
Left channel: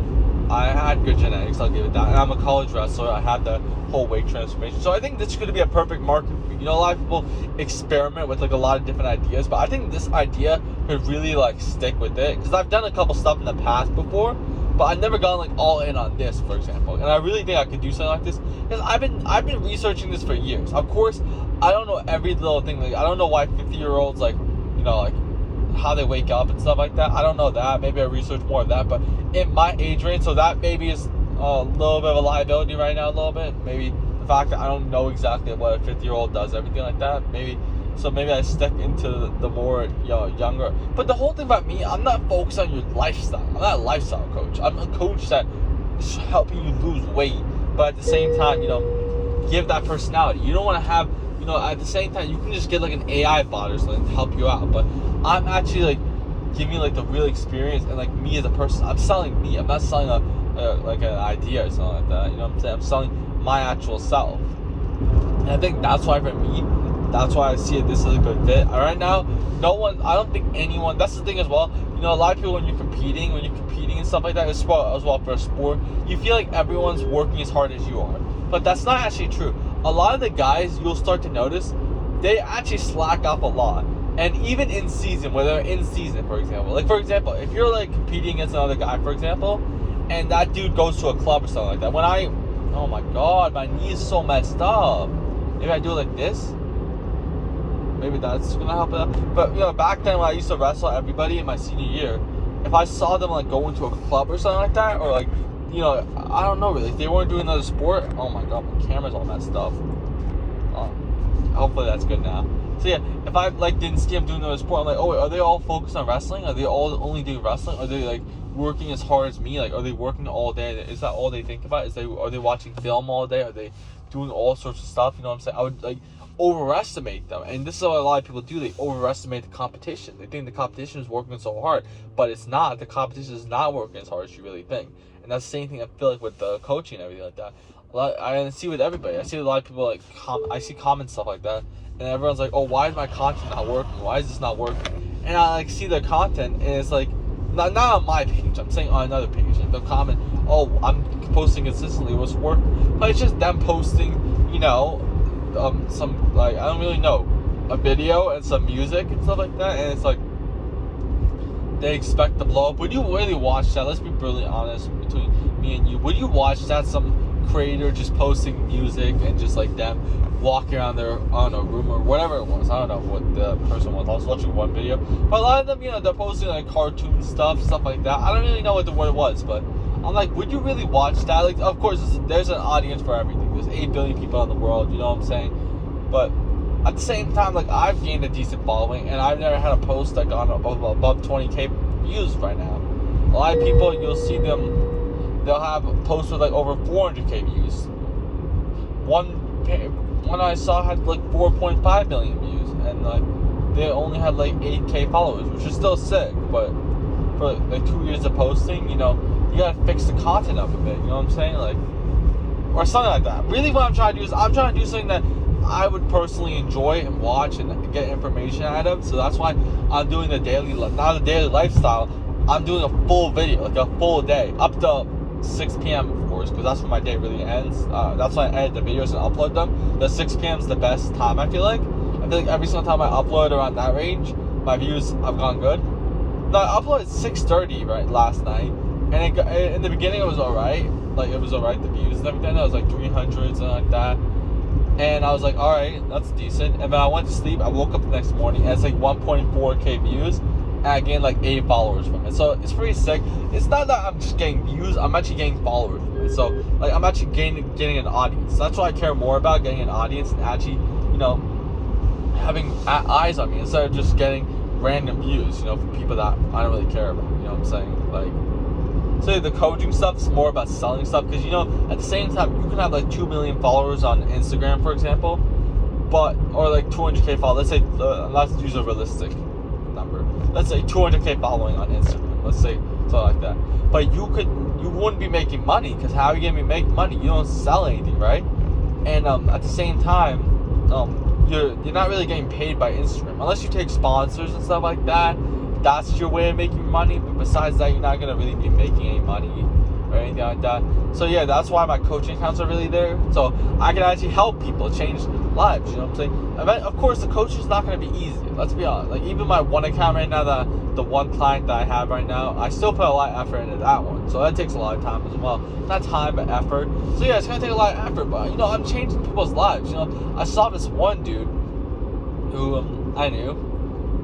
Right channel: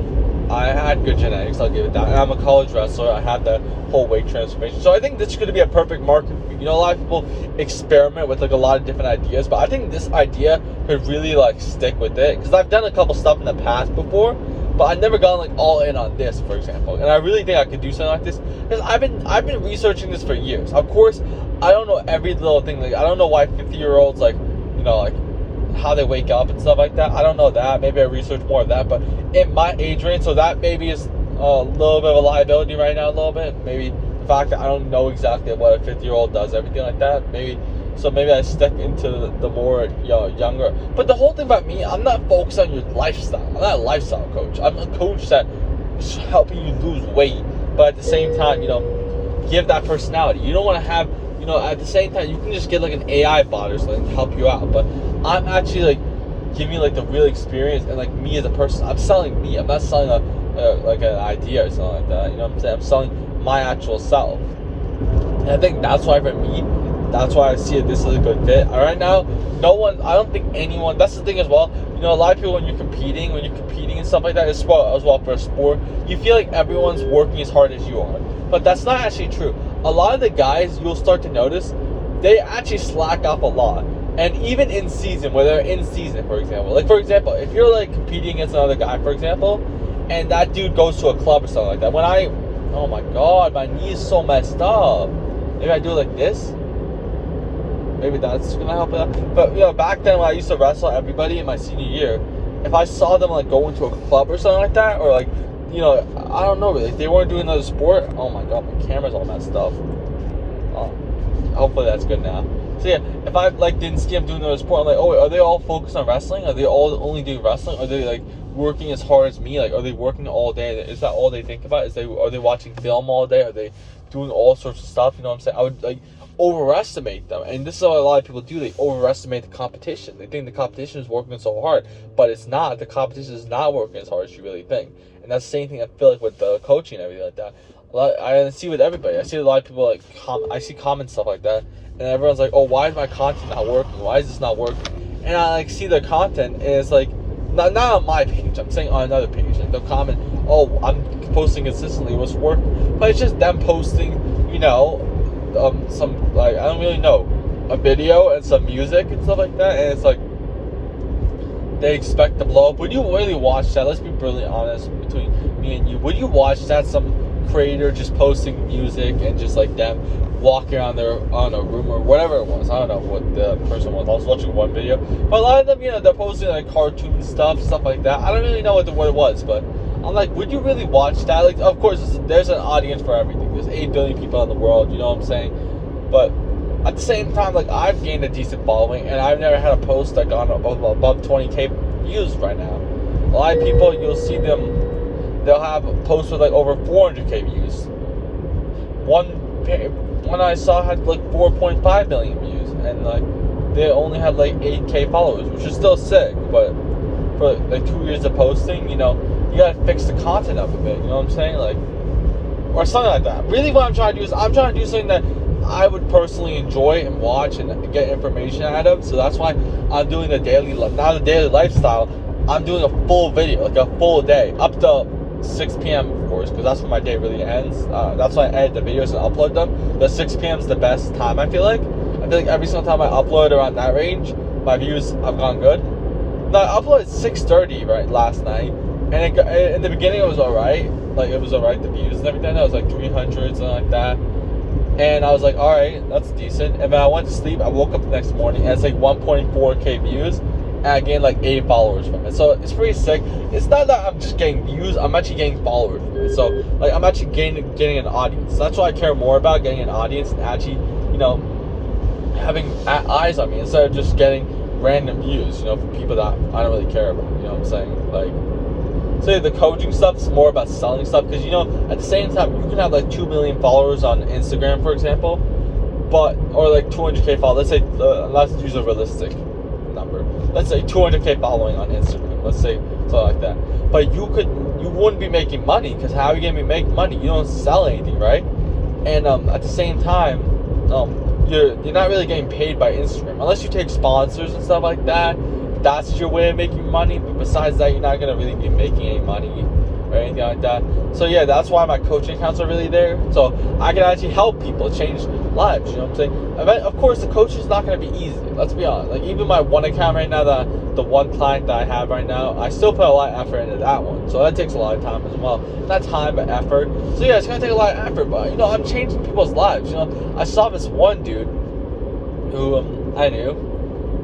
I had good genetics, I'll give it that. And I'm a college wrestler, I had the whole weight transformation. So I think this is going to be a perfect market. You know, a lot of people experiment with like a lot of different ideas, but I think this idea could really like stick with it. Because I've done a couple stuff in the past before, but I've never gone like all in on this, for example. And I really think I could do something like this because I've been researching this for years. Of course, I don't know every little thing. Like I don't know why 50-year-olds like, you know, like how they wake up and stuff like that. I don't know that. Maybe I research more of that. But in my age range, so that maybe is a little bit of a liability right now. A little bit. Maybe the fact that I don't know exactly what a 50-year-old does, everything like that. Maybe I step into the more, you know, younger. But the whole thing about me, I'm not focused on your lifestyle. I'm not a lifestyle coach. I'm a coach that's helping you lose weight, but at the same time, you know, give that personality. You don't want to have, you know, at the same time, you can just get like an AI bot or something to help you out. But I'm actually like giving you like the real experience and like me as a person. I'm selling me. I'm not selling like an idea or something like that. You know what I'm saying? I'm selling my actual self. And I think that's why for me, that's why I see it. This is a good fit. Right now, I don't think anyone. That's the thing as well. You know, a lot of people when you're competing and stuff like that, as well for a sport, you feel like everyone's working as hard as you are. But that's not actually true. A lot of the guys you'll start to notice, they actually slack off a lot. And even in season, where they're in season, for example. Like for example, if you're like competing against another guy, for example, and that dude goes to a club or something like that. Oh my god, my knee is so messed up. Maybe I do it like this. Maybe that's gonna help it. But you know, back then when I used to wrestle everybody in my senior year, if I saw them like go into a club or something like that, or like, you know, I don't know really, if they weren't doing another sport, oh my god, my camera's all messed up. Hopefully that's good now. So yeah, if I like didn't see them doing another sport, I'm like, oh, are they all focused on wrestling? Are they all only doing wrestling? Are they like working as hard as me? Like, are they working all day? Is that all they think about? Are they watching film all day? Are they doing all sorts of stuff? You know what I'm saying? I would like overestimate them, and this is what a lot of people do. They overestimate the competition. They think the competition is working so hard, but it's not. The competition is not working as hard as you really think. And that's the same thing I feel like with the coaching and everything like that. I see with everybody. I see a lot of people like I see comment stuff like that, and everyone's like, oh, why is my content not working? Why is this not working? And I like see their content, and it's like not on my page. I'm saying on another page. And the comment, oh, I'm posting consistently, what's working? But it's just them posting, you know, some like I don't really know, a video and some music and stuff like that, and it's like they expect to blow up. Would you really watch that? Let's be brutally honest between me and you. Would you watch that? Some creator just posting music and just like them walking around their on a room or whatever it was. I don't know what the person was. I was watching one video, but a lot of them, you know, they're posting like cartoon stuff like that. I don't really know what it was, but I'm like, would you really watch that? Like, of course, there's an audience for everything. There's 8 billion people in the world, you know what I'm saying? But at the same time, like, I've gained a decent following, and I've never had a post that got above 20K views right now. A lot of people, you'll see them, they'll have posts with like over 400K views. One I saw had like 4.5 million views, and like they only had like 8K followers, which is still sick, but for like 2 years of posting, you know, you gotta fix the content up a bit, you know what I'm saying? Like, or something like that. Really what I'm trying to do is I'm trying to do something that I would personally enjoy and watch and get information out of. So that's why I'm doing the daily, not a daily lifestyle. I'm doing a full video, like a full day, up to 6 p.m. of course, because that's when my day really ends. That's when I edit the videos and upload them. The 6 p.m. is the best time, I feel like. I feel like every single time I upload around that range, my views have gone good. No, I uploaded 6:30 right last night, and in the beginning it was alright. Like it was alright, the views and everything. It was like 300, something like that. And I was like, alright, that's decent. And then I went to sleep, I woke up the next morning, and it's like 1.4k views, and I gained like 8 followers from it. So it's pretty sick. It's not that I'm just getting views, I'm actually getting followers from it. So like I'm actually getting an audience. That's what I care more about, getting an audience and actually, you know, having eyes on me instead of just getting random views, you know, from people that I don't really care about, you know what I'm saying? Like, so the coaching stuff is more about selling stuff, because, you know, at the same time, you can have like 2 million followers on Instagram, for example, but, or like 200k followers, let's say, let's use a realistic number, let's say 200k following on Instagram, let's say, something like that, but you wouldn't be making money, because how are you going to be making money? You don't sell anything, right? And at the same time, you're not really getting paid by Instagram unless you take sponsors and stuff like that. That's your way of making money, but besides that, you're not gonna really be making any money or anything like that. So yeah, that's why my coaching accounts are really there, so I can actually help people change lives, you know what I'm saying? Of course, the coaching is not gonna be easy, let's be honest. Like, even my one account right now, the one client that I have right now, I still put a lot of effort into that one, so that takes a lot of time as well. Not time, but effort. So yeah, it's gonna take a lot of effort, but, you know, I'm changing people's lives, you know? I saw this one dude who I knew,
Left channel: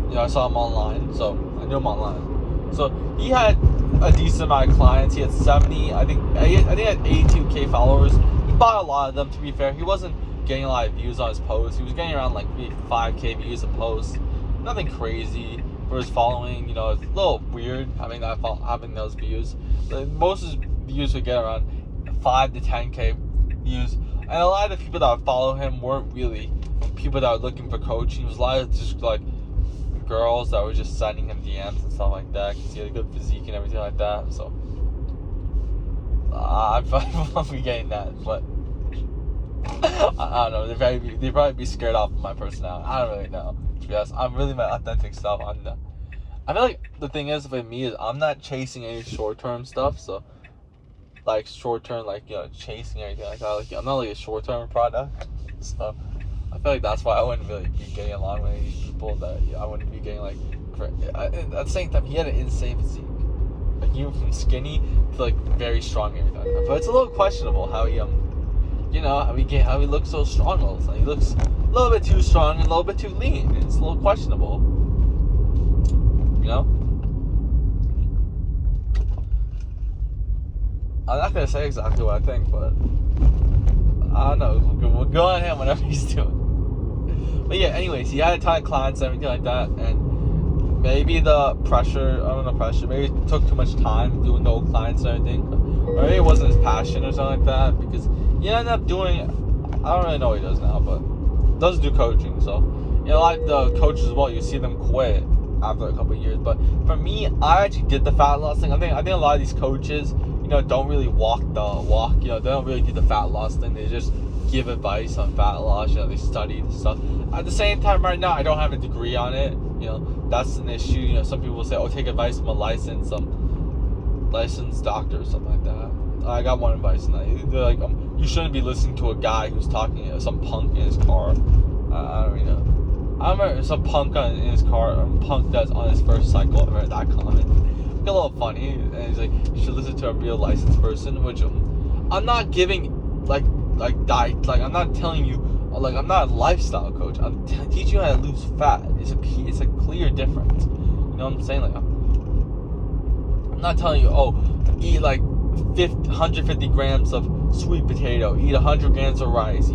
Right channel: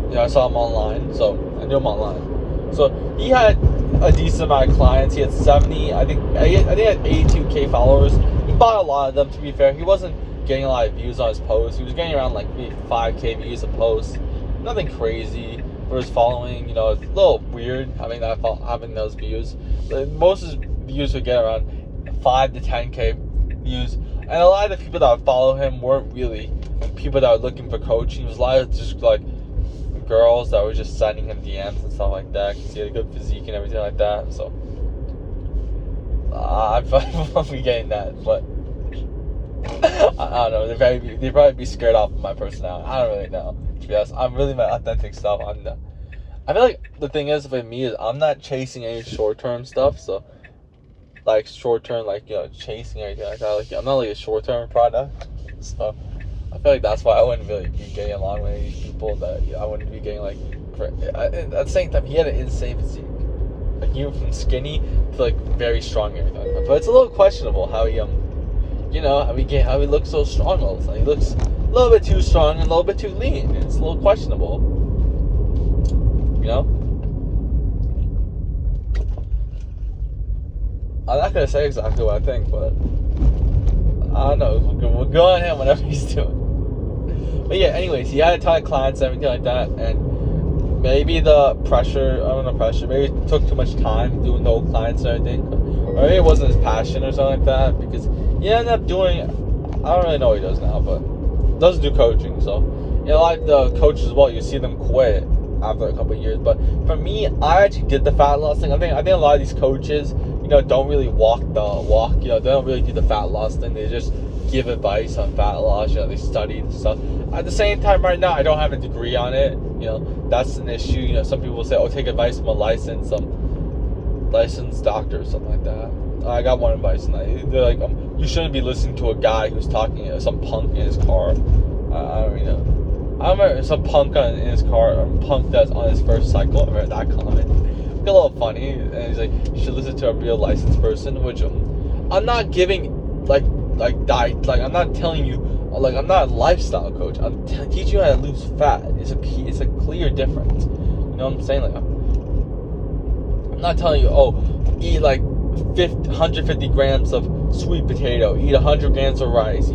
you know, I saw him online, so I knew him online. So he had a decent amount of clients. He had 70, I think he had 82k followers. He bought a lot of them, to be fair. He wasn't getting a lot of views on his posts. He was getting around like 5k views a post. Nothing crazy for his following. You know, it's a little weird having those views. But most of his views would get around 5 to 10k views. And a lot of the people that follow him weren't really people that were looking for coaching. It was a lot of just like girls that were just sending him DMs and stuff like that, because he had a good physique and everything like that. So I probably won't be getting that, but I don't know. They'd probably be scared off of my personality. I don't really know, to be honest. I'm really my authentic stuff. I feel like the thing is with me is I'm not chasing any short-term stuff. So like short-term, like, you know, chasing anything like that. Like, I'm not like a short-term product. So I feel like that's why I wouldn't really be getting along with any people that I wouldn't be getting like. At the same time, he had an insane physique. Like, he went from skinny to like very strong and everything like that. But it's a little questionable how he you know, how he looks so strong all the time. He looks a little bit too strong and a little bit too lean. It's a little questionable. You know? I'm not gonna say exactly what I think, but I don't know. We'll go on him whatever he's doing. But yeah, anyways, he had a ton of clients and everything like that, and maybe the pressure, I don't know, maybe it took too much time doing the old clients and everything. Or maybe it wasn't his passion or something like that, because he ended up doing, I don't really know what he does now, but doesn't do coaching. So, you know, like the coaches as well, you see them quit after a couple of years. But for me, I actually did the fat loss thing. I think a lot of these coaches, you know, don't really walk the walk. You know, they don't really do the fat loss thing. They just give advice on fat loss. You know, they study and stuff. At the same time, right now, I don't have a degree on it. You know, that's an issue. You know, some people say, "Oh, take advice from a licensed doctor," or something like that. I got one advice, and they're like, "You shouldn't be listening to a guy who's talking to some punk in his car." I don't really know. I remember some punk in his car, or punk that's on his first cycle. I remember that comment. It's a little funny, and he's like, "You should listen to a real licensed person," which I'm not giving like diet. Like, I'm not telling you, like, I'm not a lifestyle coach. I'm teaching you how to lose fat. It's a clear difference. You know what I'm saying? Like, I'm not telling you, oh, eat like 150 grams of sweet potato, eat 100 grams of rice,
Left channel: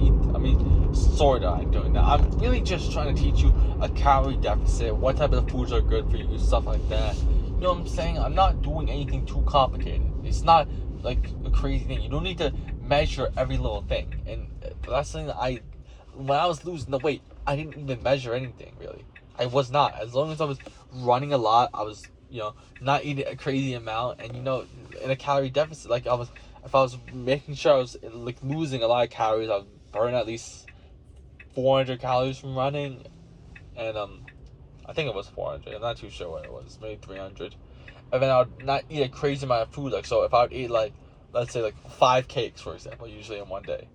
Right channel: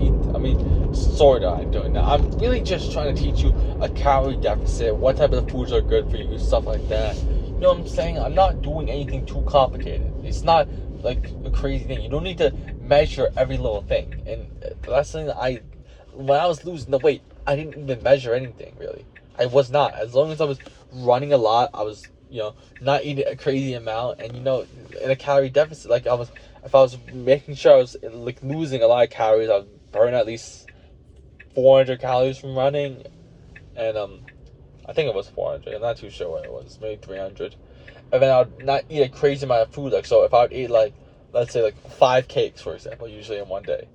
sort of I'm doing that. I'm really just trying to teach you a calorie deficit, what type of foods are good for you, stuff like that. You know what I'm saying? I'm not doing anything too complicated. It's not like a crazy thing. You don't need to measure every little thing. And that's something that when I was losing the weight, I didn't even measure anything, really. I was not. As long as I was running a lot, I was, you know, not eating a crazy amount, and, you know, in a calorie deficit, like, if I was making sure I was like losing a lot of calories, I'd burn at least 400 calories from running, and I think it was 400. I'm not too sure what it was, maybe 300. and then I would not eat a crazy amount of food. Like, so if I would eat like, let's say like 5 cakes, for example, usually in one day,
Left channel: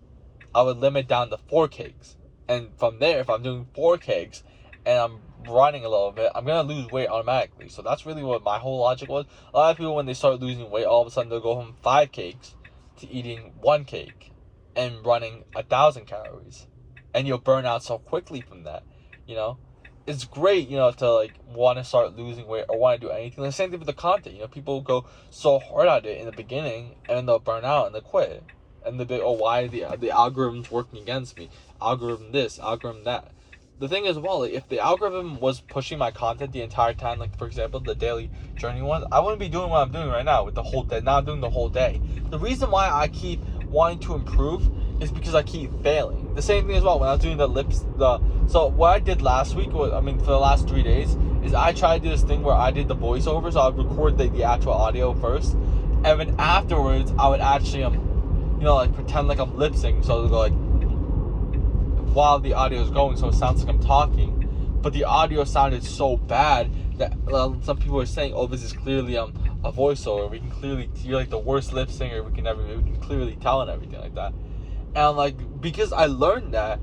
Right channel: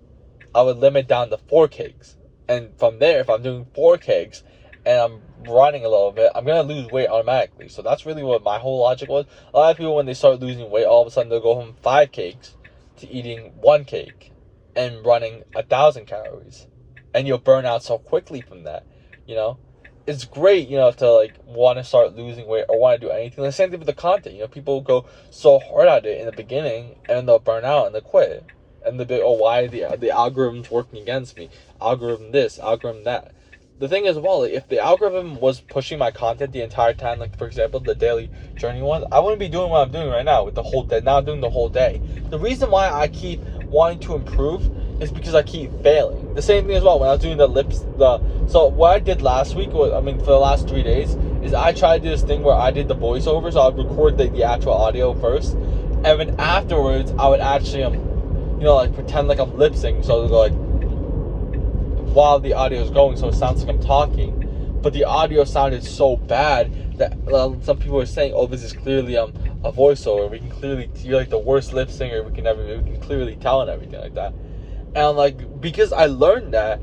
I would limit down to 4 cakes. And from there, if I'm doing 4 cakes and I'm running a little bit, I'm gonna lose weight automatically. So that's really what my whole logic was. A lot of people, when they start losing weight, all of a sudden they'll go from 5 cakes to eating 1 cake and running 1,000 calories, and you'll burn out so quickly from that. You know, it's great, to like want to start losing weight or want to do anything. The same thing with the content. People go so hard at it in the beginning and they'll burn out and they'll quit. And they'll be, oh, why the algorithm's working against me? Algorithm this, algorithm that. The thing is, well, if the algorithm was pushing my content the entire time, like for example the daily journey ones, I wouldn't be doing what I'm doing right now with the whole day. Now I'm doing the whole day. The reason why I keep wanting to improve is because I keep failing. The same thing as well when I was doing so what I did last week was, for the last 3 days, is I tried to do this thing where I did the voiceover. So I would record the actual audio first, and then afterwards I would actually like pretend like I'm lip syncing, so it'll go like while the audio is going, so it sounds like I'm talking, but the audio sounded so bad that some people were saying, "Oh, this is clearly a voiceover. We can clearly, you're like the worst lip singer we can clearly tell," and everything like that. And like, because I learned that,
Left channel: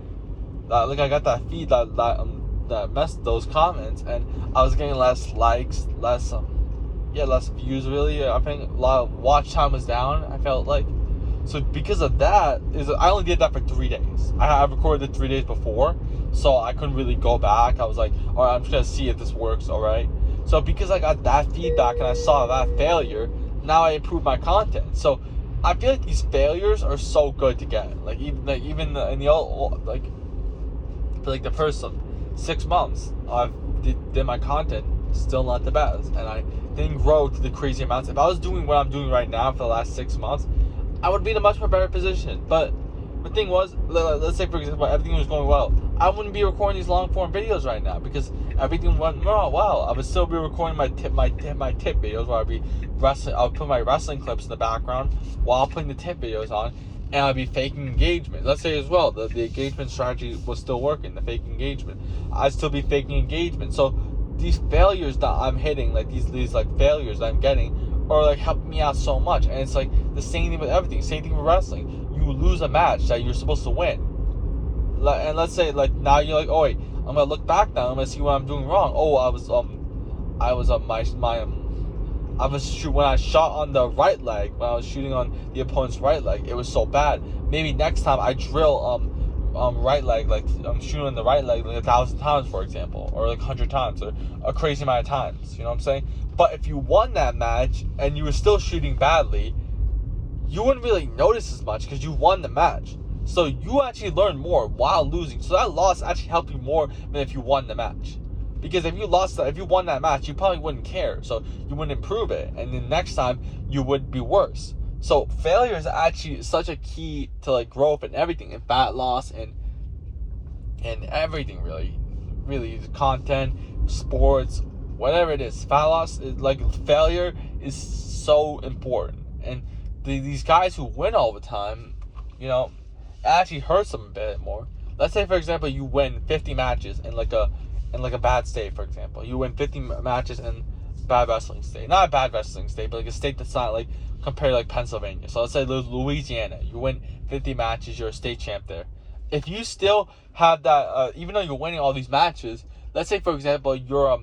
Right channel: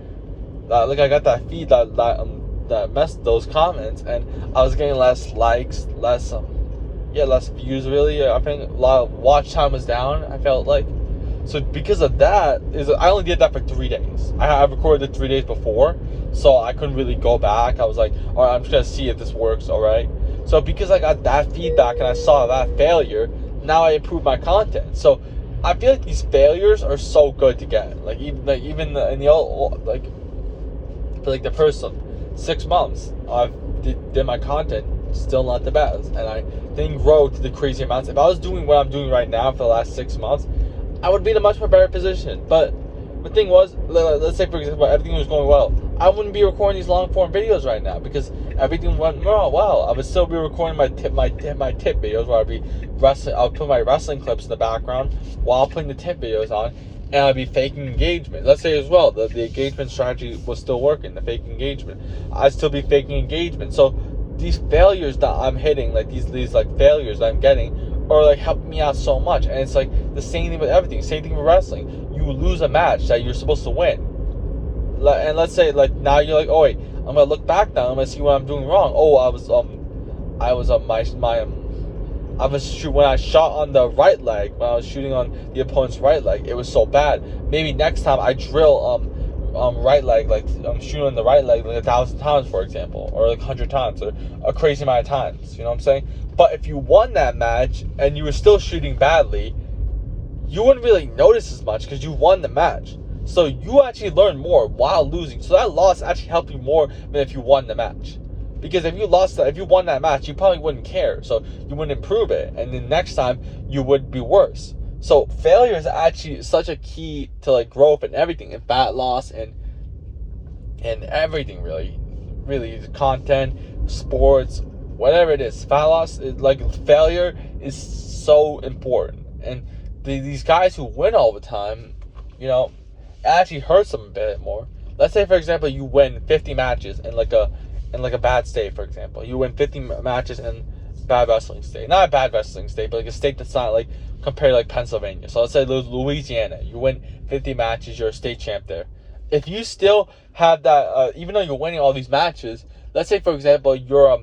like I got that feed that messed those comments, and I was getting less likes, less views. Really, I think a lot of watch time was down. I felt like. So because of that, I only did that for 3 days. I recorded it 3 days before, so I couldn't really go back. I was like, all right, I'm just gonna see if this works, all right? So because I got that feedback and I saw that failure, now I improved my content. So I feel like these failures are so good to get. Like even in the old, like for like the first 6 months, I did my content still not the best, and I didn't grow to the crazy amounts. If I was doing what I'm doing right now for the last 6 months, I would be in a much more better position. But the thing was, let's say for example everything was going well, I wouldn't be recording these long form videos right now because everything went well. I would still be recording my tip videos where I'd be wrestling. I'll put my wrestling clips in the background while putting the tip videos on, and I'd be faking engagement. Let's say as well the engagement strategy was still working, the fake engagement. I'd still be faking engagement. So these failures that I'm hitting, like these like failures that I'm getting, or like helping me out so much. And it's like the same thing with everything, same thing with wrestling. You lose a match that you're supposed to win, and let's say like now you're like, oh wait, I'm gonna look back now, I'm gonna see what I'm doing wrong. Oh, I was when I shot on the right leg, when I was shooting on the opponent's right leg, it was so bad. Maybe next time I drill right leg, like I'm shooting on the right leg like 1,000 times, for example, or like 100 times, or a crazy amount of times. You know what I'm saying? But if you won that match and you were still shooting badly, you wouldn't really notice as much because you won the match. So you actually learn more while losing. So that loss actually helped you more than if you won the match. Because if you won that match, you probably wouldn't care. So you wouldn't improve it, and then next time you would be worse. So failure is actually such a key to like growth and everything, and fat loss and everything really content, sports, whatever it is. Fat loss is like failure is so important, and these guys who win all the time, it actually hurts them a bit more. Let's say for example you win 50 matches in like a bad state. For example, you win 50 matches in bad wrestling state, not a bad wrestling state, but like a state that's not like compared to like Pennsylvania. So let's say Louisiana, you win 50 matches, you're a state champ there. If you still have that, even though you're winning all these matches, let's say for example your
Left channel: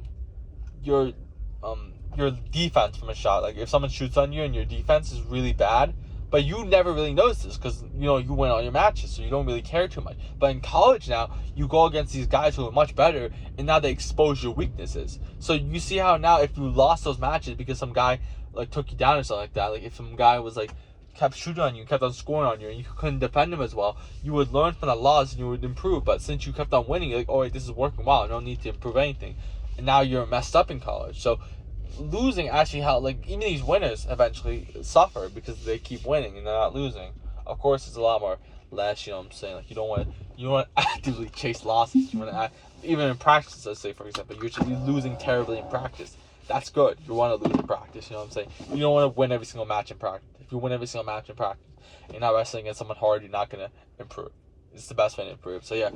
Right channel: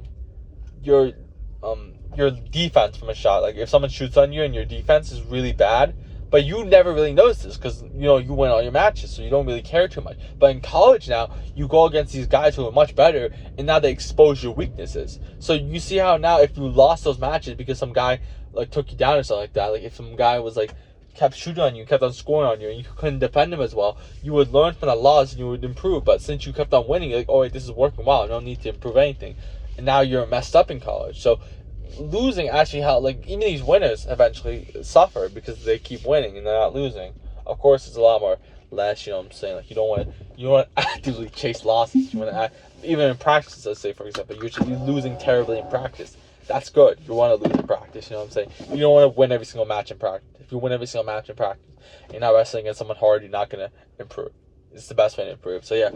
defense from a shot, like if someone shoots on you and your defense is really bad, but you never really notice this because you win all your matches, so you don't really care too much. But in college now, you go against these guys who are much better, and now they expose your weaknesses. So you see how now if you lost those matches because some guy like took you down or something like that, like if some guy was like kept shooting on you, kept on scoring on you, and you couldn't defend him as well, you would learn from that loss and you would improve. But since you kept on winning, you're like, oh wait, this is working well, I don't need to improve anything. And now you're messed up in college. So losing actually helped, like even these winners eventually suffer because they keep winning and they're not losing. Of course, it's a lot more less, you know what I'm saying? Like you don't want to actively chase losses. You want to even in practice, let's say for example, you should be losing terribly in practice. That's good. You want to lose in practice, you know what I'm saying? You don't want to win every single match in practice. If you win every single match in practice, you're not wrestling against someone hard, you're not going to improve. It's the best way to improve. So yeah,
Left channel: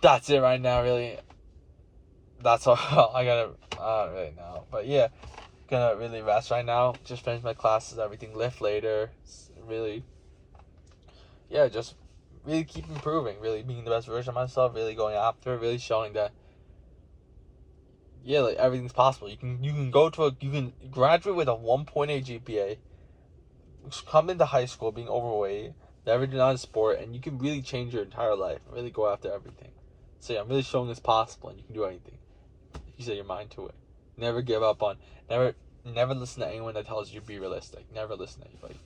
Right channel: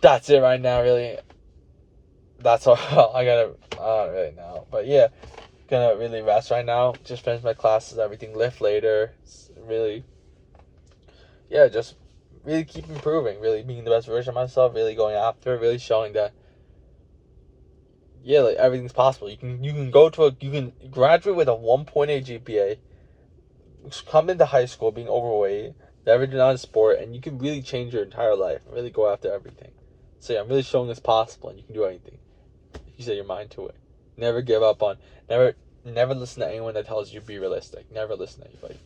that's it right now, really. That's all I don't really know. But yeah, gonna really rest right now. Just finish my classes, everything, lift later. Really, yeah, just really keep improving, really being the best version of myself, really going after, really showing that, yeah, like everything's possible. You can you can graduate with a 1.8 GPA, come into high school being overweight, never do not a sport, and you can really change your entire life, really go after everything. So yeah, I'm really showing it's possible, and you can do anything. You set your mind to it. Never give up on, never listen to anyone that tells you be realistic. Never listen to anybody.